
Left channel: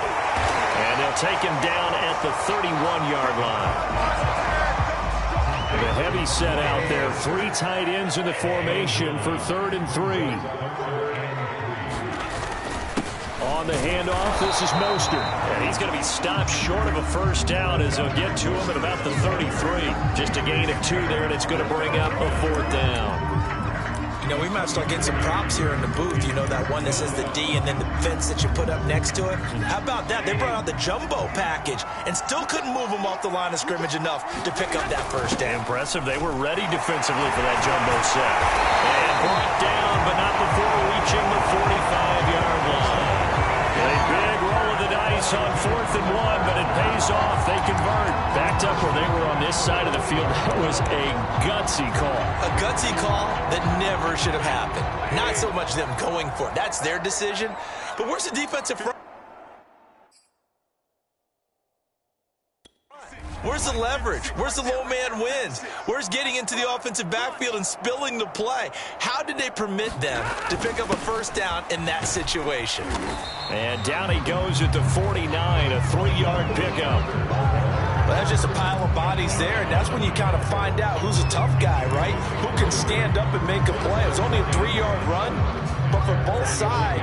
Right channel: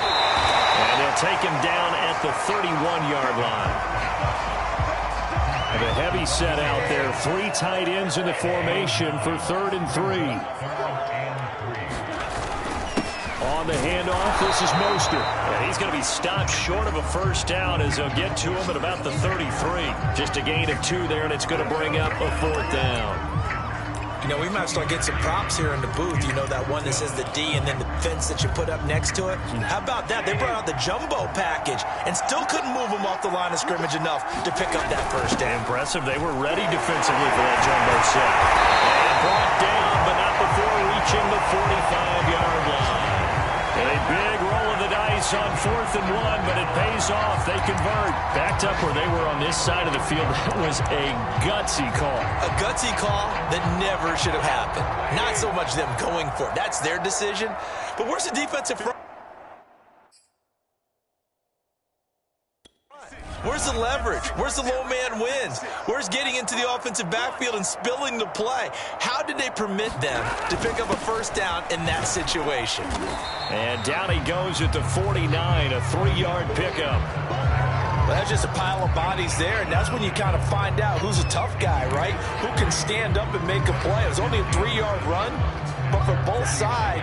And they'll take him down at the 31-yard line. The heavy set out there. 3 tight ends in the formation for 3rd and 3. On the handoff, this is Mostert. And he's going to be stopped short of a first down as they'll get to him at about the 33. Just a gain of 2 there, and it's going to bring up a 4th down. You know, we might start getting some props here in the booth. You know, that one that says the D and then the fence that you put up next to it. How about that? They brought out the jumbo package and still couldn't move them off the line of scrimmage enough to pick up that first down. Impressive. They were ready defensively for that jumbo set. And brought down, but not before reaching the 45-yard line. And a big roll of the dice on 4th and 1, but it pays off. They convert. Backed up where they were on this side of the field. That was a gutsy call. A gutsy call that never should have happened. Not so much them going for it. That's their decision. But where's the defensive front? Where's the leverage? Where's the low man wins? Where's getting into the offensive backfield and spilling the play? How did they permit them to pick up a first down in that situation? And down he goes at the 49, a 3-yard pickup. Well, that's just a pile of bodies there, and that's when you kind of find out who's a tough guy, right? Who can stand up and make a play. It was only a 3-yard run, but for both sides,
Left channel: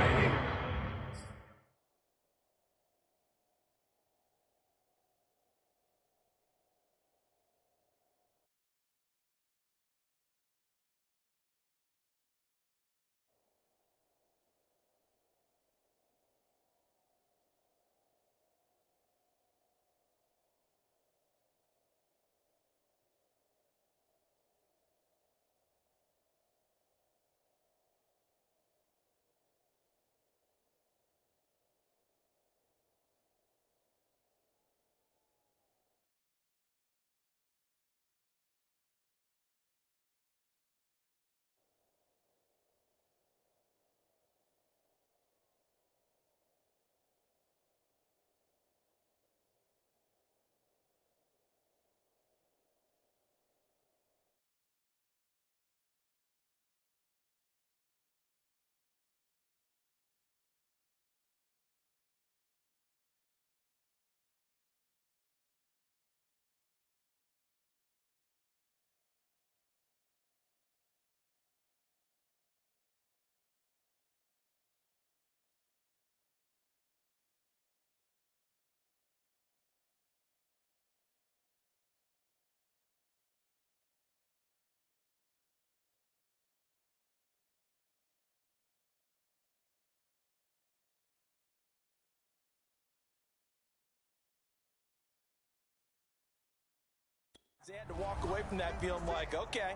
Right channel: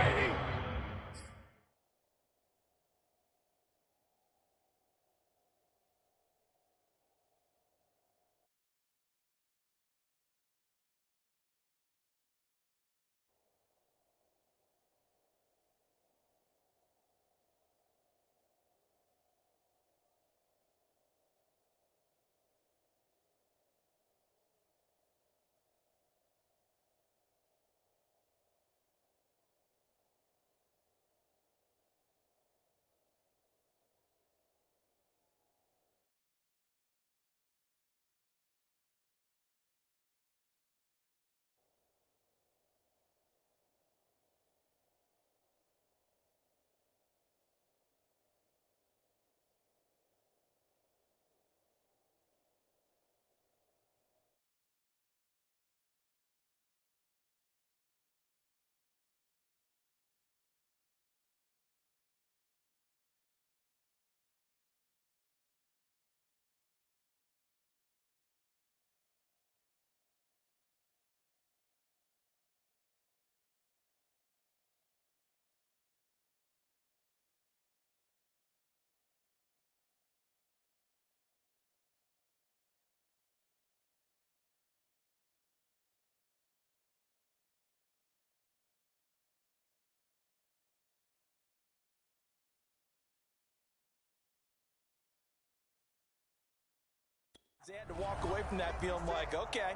They had to walk away from that feeling like, okay,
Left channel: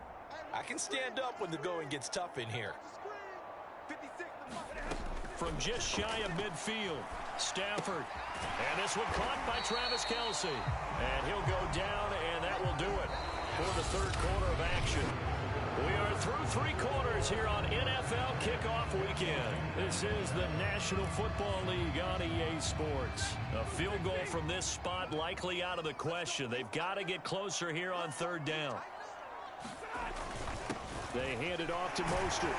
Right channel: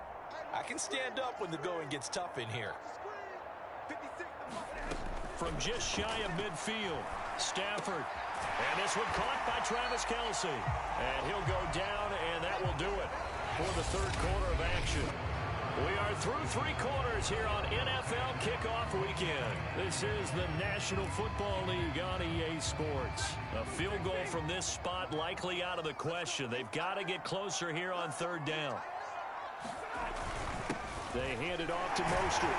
I can stand up when the going gets tough in here. From just shy of midfield, Stafford. And this one caught by Travis Kelce. And he'll go down, and that will do it for the third quarter of action. We are through three quarters here on NFL Kickoff Weekend. This is the National Football League on EA Sports. A field goal from this spot likely out of the question. They've got to get closer here on third down. They hand it off to Mostert.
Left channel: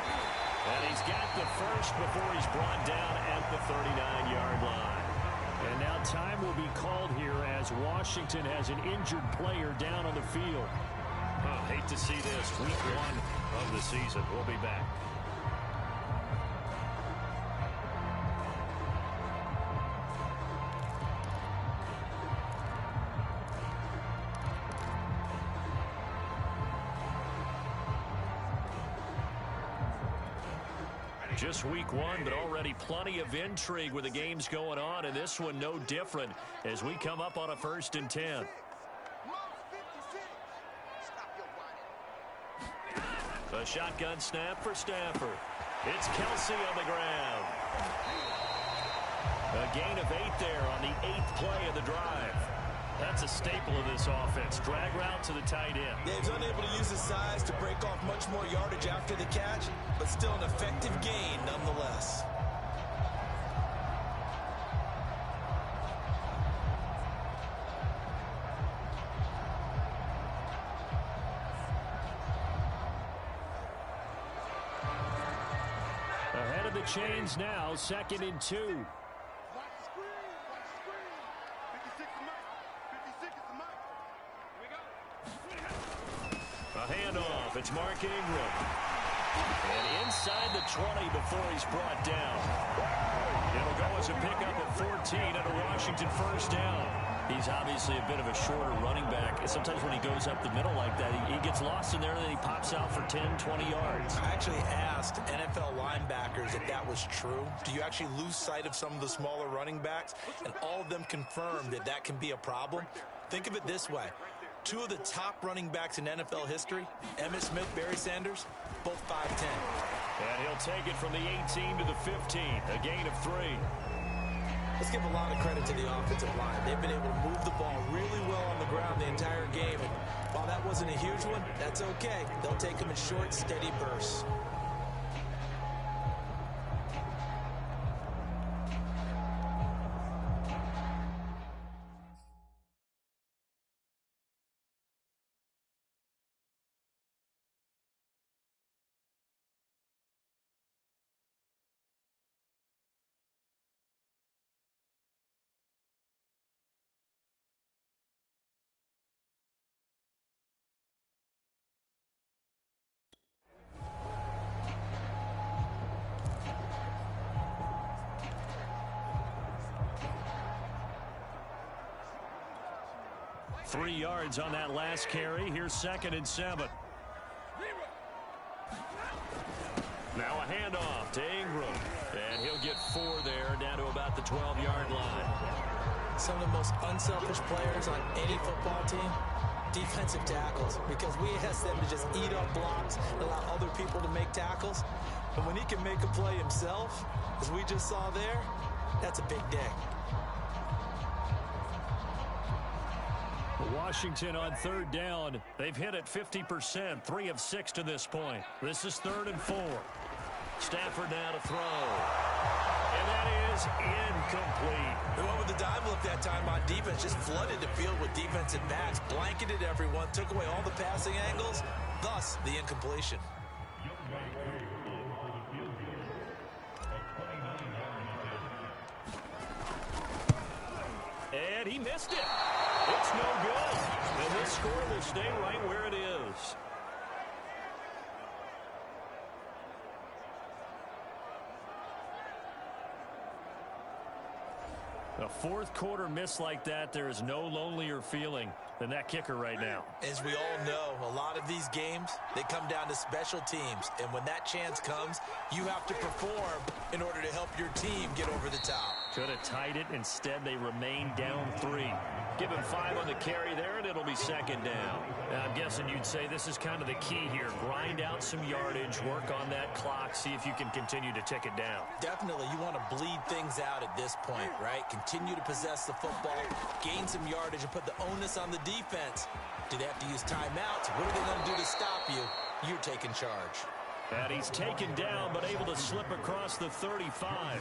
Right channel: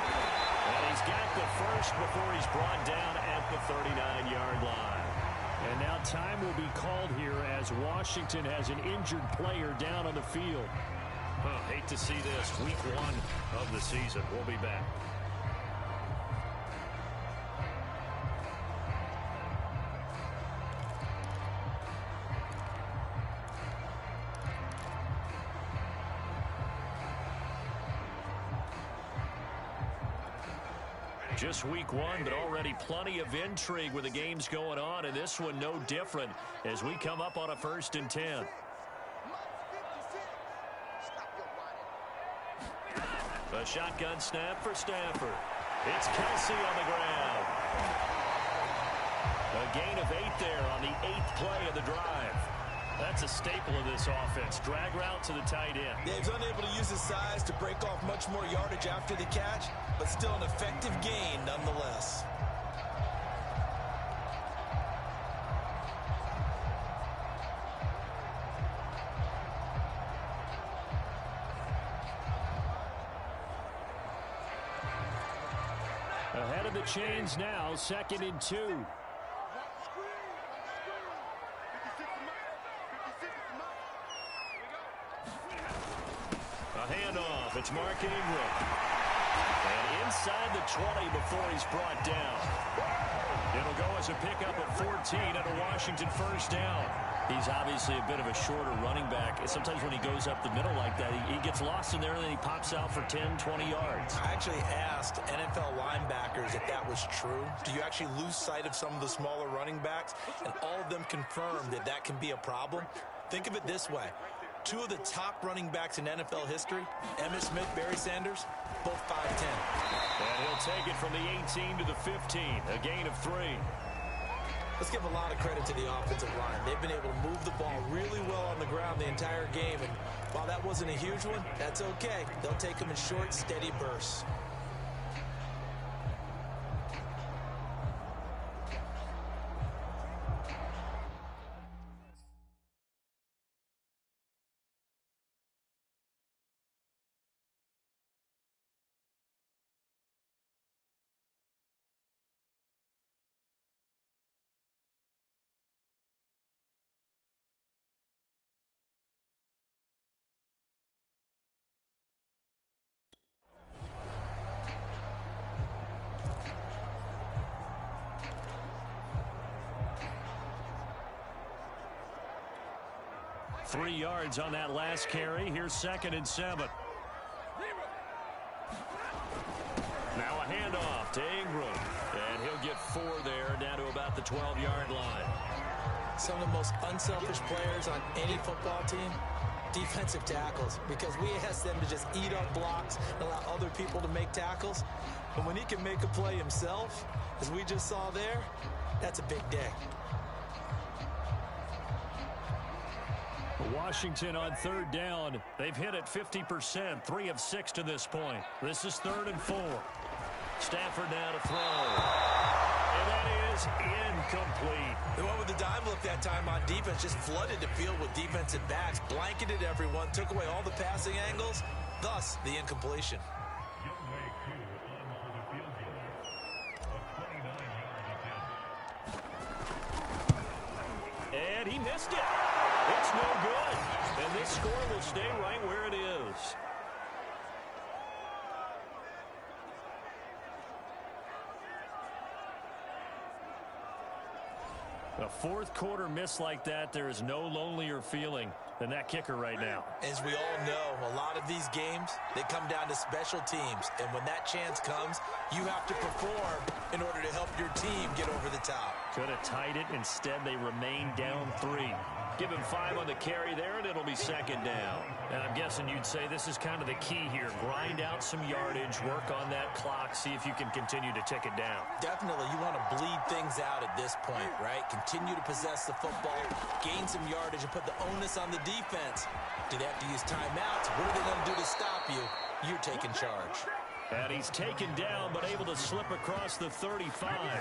And he's got the first before he's brought down at the 39-yard line. And now time will be called here as Washington has an injured player down on the field. Oh, hate to see this. Week 1 of the season. We'll be back. Just week 1, but already plenty of intrigue with the games going on, and this one no different as we come up on a 1st and 10. A shotgun snap for Stafford. It's Kelce on the ground. A gain of 8 there on the 8th play of the drive. That's a staple of this offense. Drag route to the tight end. Yeah, he's unable to use his size to break off much more yardage after the catch, but still an effective gain nonetheless. Ahead of the chains now, 2nd and 2. A handoff. It's Mark Ingram. And inside the 20 before he's brought down. It'll go as a pickup of 14 and a Washington 1st down. He's obviously a bit of a shorter running back. And sometimes when he goes up the middle like that, he gets lost in there and then he pops out for 10, 20 yards. I actually asked NFL linebackers if that was true. Do you actually lose sight of some of the smaller running backs? And all of them confirmed that that can be a problem. Think of it this way. 2 of the top running backs in NFL history, Emmitt Smith, Barry Sanders, both 5'10". And he'll take it from the 18 to the 15, a gain of 3. Let's give a lot of credit to the offensive line. They've been able to move the ball really well on the ground the entire game. And while that wasn't a huge one, that's okay. They'll take them in short, steady bursts. Three yards on that last carry. Here's 2nd and 7. Now a handoff to Ingram. And he'll get 4 there, down to about the 12-yard line. Some of the most unselfish players on any football team, defensive tackles, because we ask them to just eat up blocks and allow other people to make tackles. But when he can make a play himself, as we just saw there, that's a big day. Washington on 3rd down. They've hit it 50%, 3 of 6 to this point. This is 3rd and 4. Stafford now to throw. And that is incomplete. The one with the dime look that time on defense just flooded the field with defensive backs, blanketed everyone, took away all the passing angles, thus the incompletion. And he missed it. It's no good. And this score will stay right where it is. A 4th quarter miss like that, there is no lonelier feeling than that kicker right now. As we all know, a lot of these games, they come down to special teams. And when that chance comes, you have to perform in order to help your team get over the top. Could have tied it. Instead, they remain down 3. Give him 5 on the carry there, and it'll be second down. I'm guessing you'd say this is kind of the key here. Grind out some yardage, work on that clock, see if you can continue to tick it down. Definitely, you want to bleed things out at this point, right? Continue to possess the football, gain some yardage, and put the onus on the defense. Do they have to use timeouts? What are they going to do to stop you? You're taking charge. And he's taken down, but able to slip across the 35.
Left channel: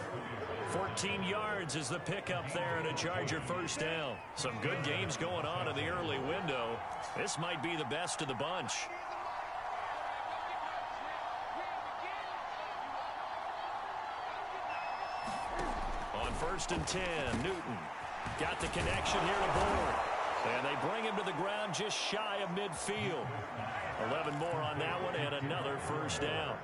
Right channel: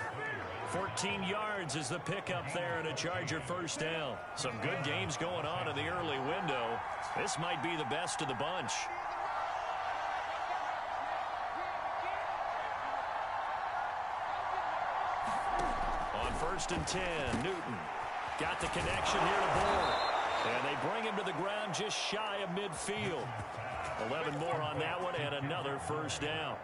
14 yards is the pickup there, and a Charger first down. Some good games going on in the early window. This might be the best of the bunch. On 1st and 10, Newton got the connection here to Board. And they bring him to the ground just shy of midfield. 11 more on that one, and another first down.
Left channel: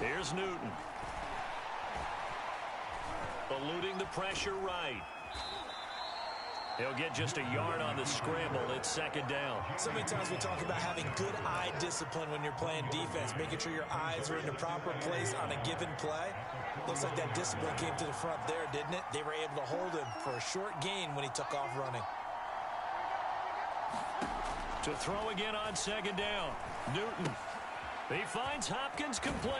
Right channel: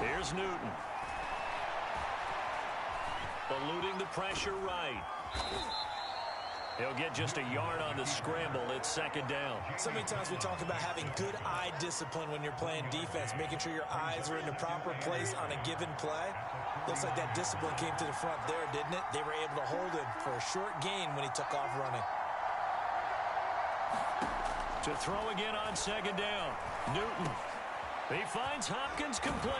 Here's Newton. Eluding the pressure right. He'll get just a yard on the scramble. It's second down. So many times we talk about having good eye discipline when you're playing defense, making sure your eyes are in the proper place on a given play. Looks like that discipline came to the front there, didn't it? They were able to hold him for a short gain when he took off running. To throw again on second down. Newton. He finds Hopkins complete.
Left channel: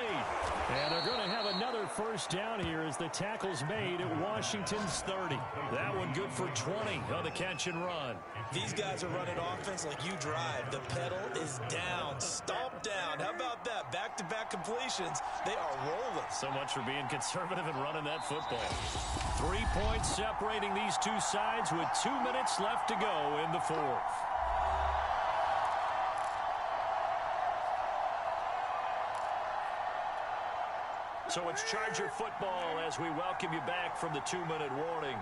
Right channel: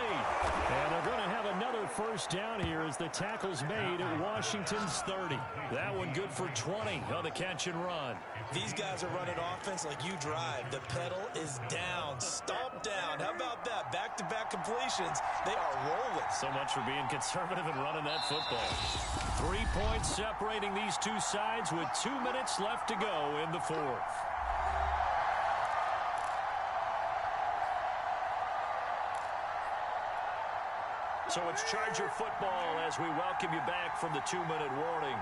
And they're going to have another first down here as the tackle's made at Washington's 30. That one good for 20 on the catch and run. These guys are running offense like you drive. The pedal is down. Stomp down. How about that? Back-to-back completions. They are rolling. So much for being conservative and running that football. 3 points separating these two sides with 2 minutes left to go in the fourth. So it's Charger football as we welcome you back from the 2-minute warning.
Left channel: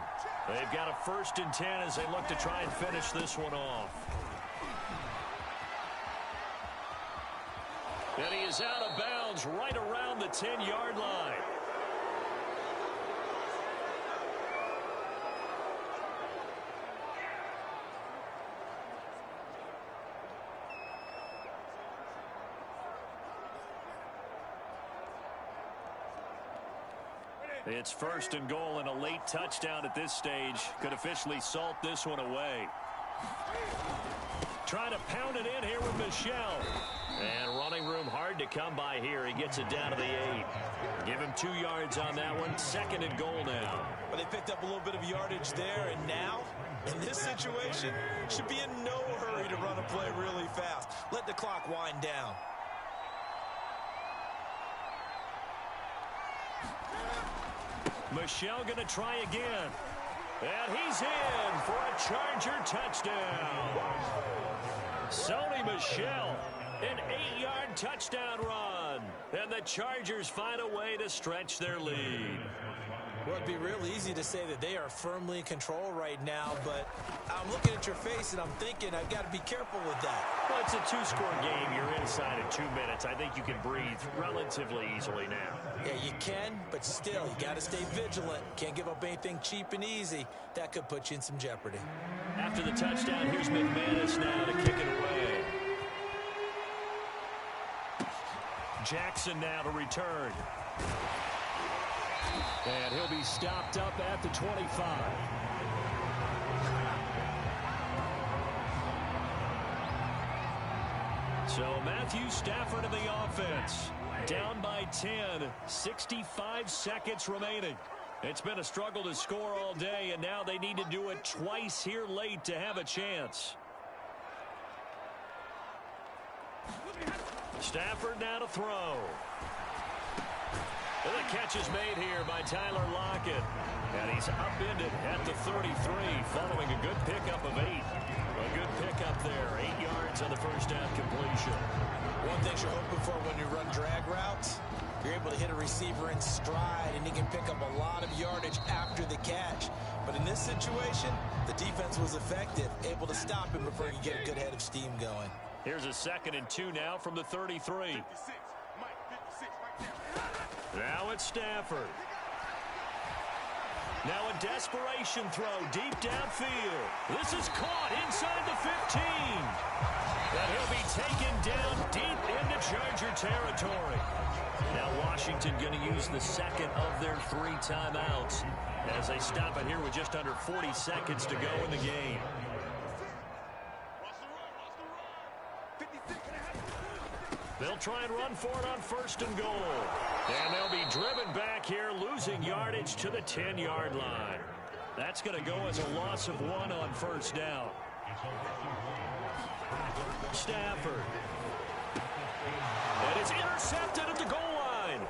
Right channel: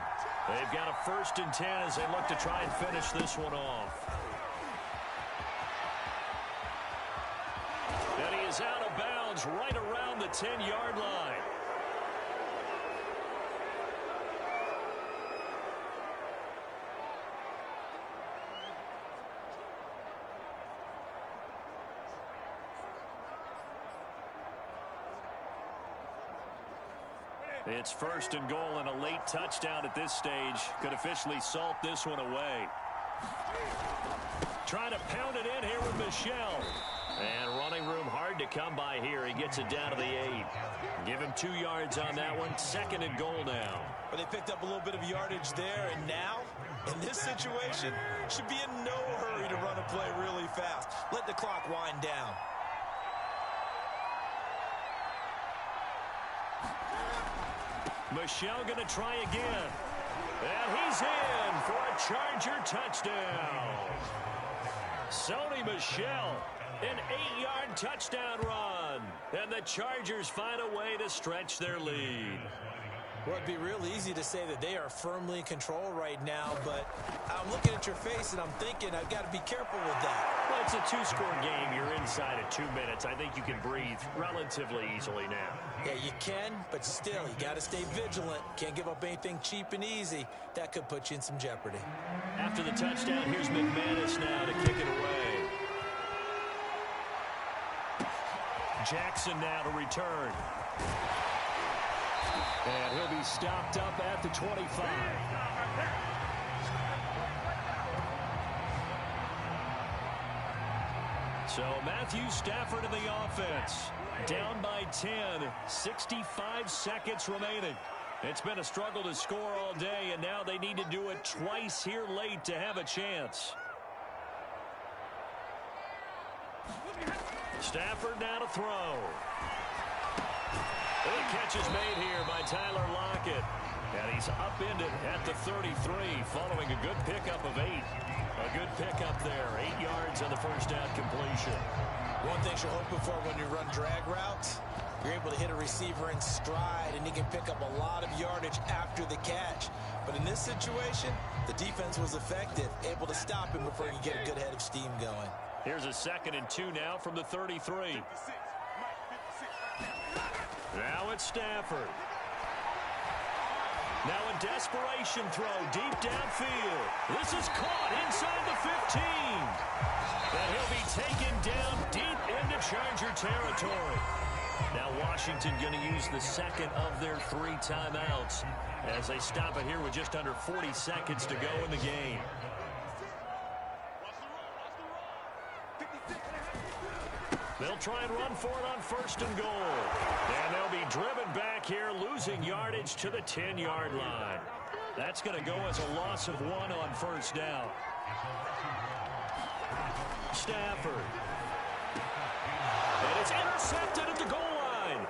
They've got a 1st and 10 as they look to try and finish this one off. And he is out of bounds right around the 10-yard line. It's 1st and goal, and a late touchdown at this stage could officially salt this one away. Trying to pound it in here with Michel. And running room hard to come by here. He gets it down to the 8. Give him 2 yards on that one. 2nd and goal now. But they picked up a little bit of yardage there, and now, in this situation, should be in no hurry to run a play really fast. Let the clock wind down. Michel going to try again. And he's in for a Charger touchdown. Sony Michel, an 8-yard touchdown run. And the Chargers find a way to stretch their lead. Well, it'd be real easy to say that they are firmly in control right now, but I'm looking at your face and I'm thinking I've got to be careful with that. Well, it's a 2-score game. You're inside at 2 minutes. I think you can breathe relatively easily now. Yeah, you can, but still, you got to stay vigilant. Can't give up anything cheap and easy. That could put you in some jeopardy. After the touchdown, here's McManus now to kick it away. Jackson now to return. And he'll be stopped up at the 25. So Matthew Stafford in the offense. Down by 10. 65 seconds remaining. It's been a struggle to score all day, and now they need to do it twice here late to have a chance. Stafford now to throw. The catch is made here by Tyler Lockett. And he's upended at the 33 following a good pickup of 8. A good pickup there. 8 yards on the first down completion. One thing you're hoping for when you run drag routes, you're able to hit a receiver in stride, and he can pick up a lot of yardage after the catch. But in this situation, the defense was effective, able to stop him before he could get a good head of steam going. Here's a 2nd and 2 now from the 33. Now it's Stafford. Now a desperation throw deep downfield. This is caught inside the 15. And he'll be taken down deep into Charger territory. Now Washington going to use the second of their 3 timeouts as they stop it here with just under 40 seconds to go in the game. They'll try and run for it on 1st and goal. And they'll be driven back here, losing yardage to the 10-yard line. That's going to go as a loss of 1 on 1st down. Stafford. And it's intercepted at the goal line.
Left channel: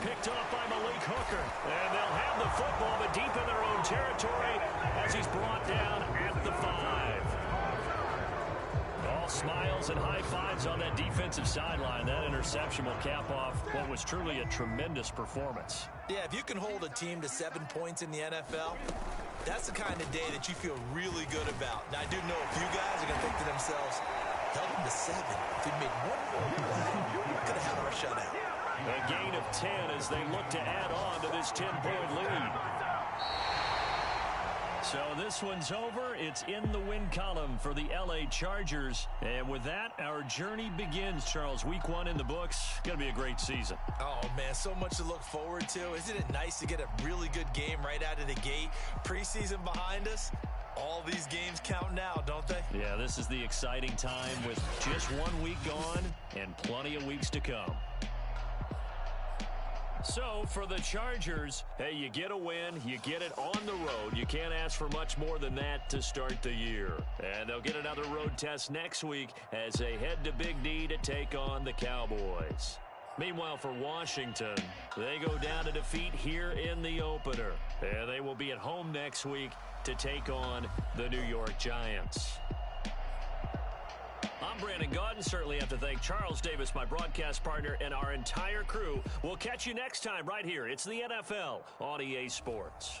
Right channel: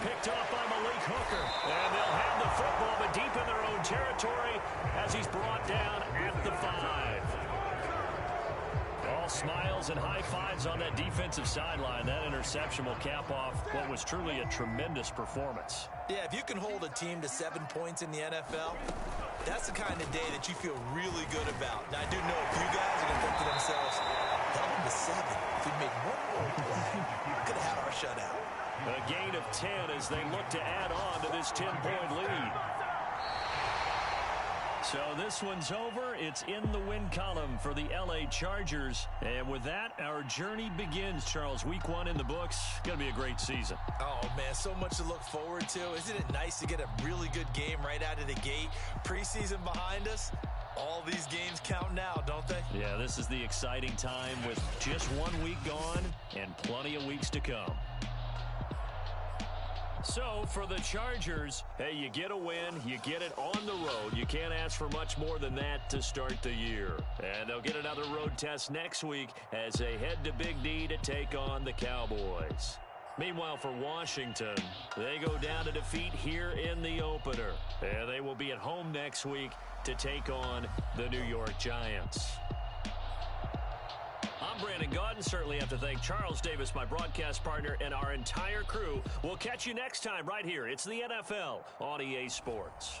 Picked off by Malik Hooker. And they'll have the football, but deep in their own territory as he's brought down at the 5. All smiles and high fives on that defensive sideline. That interception will cap off what was truly a tremendous performance. Yeah, if you can hold a team to 7 points in the NFL, that's the kind of day that you feel really good about. Now, I do know a few guys are going to think to themselves, held them to 7. If we'd made one more play, we could have had our shutout. A gain of 10 as they look to add on to this 10-point lead. So this one's over. It's in the win column for the LA Chargers. And with that, our journey begins, Charles. Week 1 in the books. Going to be a great season. Oh, man, so much to look forward to. Isn't it nice to get a really good game right out of the gate? Preseason behind us. All these games count now, don't they? Yeah, this is the exciting time with just 1 week gone and plenty of weeks to come. So, for the Chargers, hey, you get a win, you get it on the road. You can't ask for much more than that to start the year. And they'll get another road test next week as they head to Big D to take on the Cowboys. Meanwhile, for Washington, they go down to defeat here in the opener. And they will be at home next week to take on the New York Giants. I'm Brandon Gaudin. Certainly have to thank Charles Davis, my broadcast partner, and our entire crew. We'll catch you next time right here. It's the NFL on EA Sports.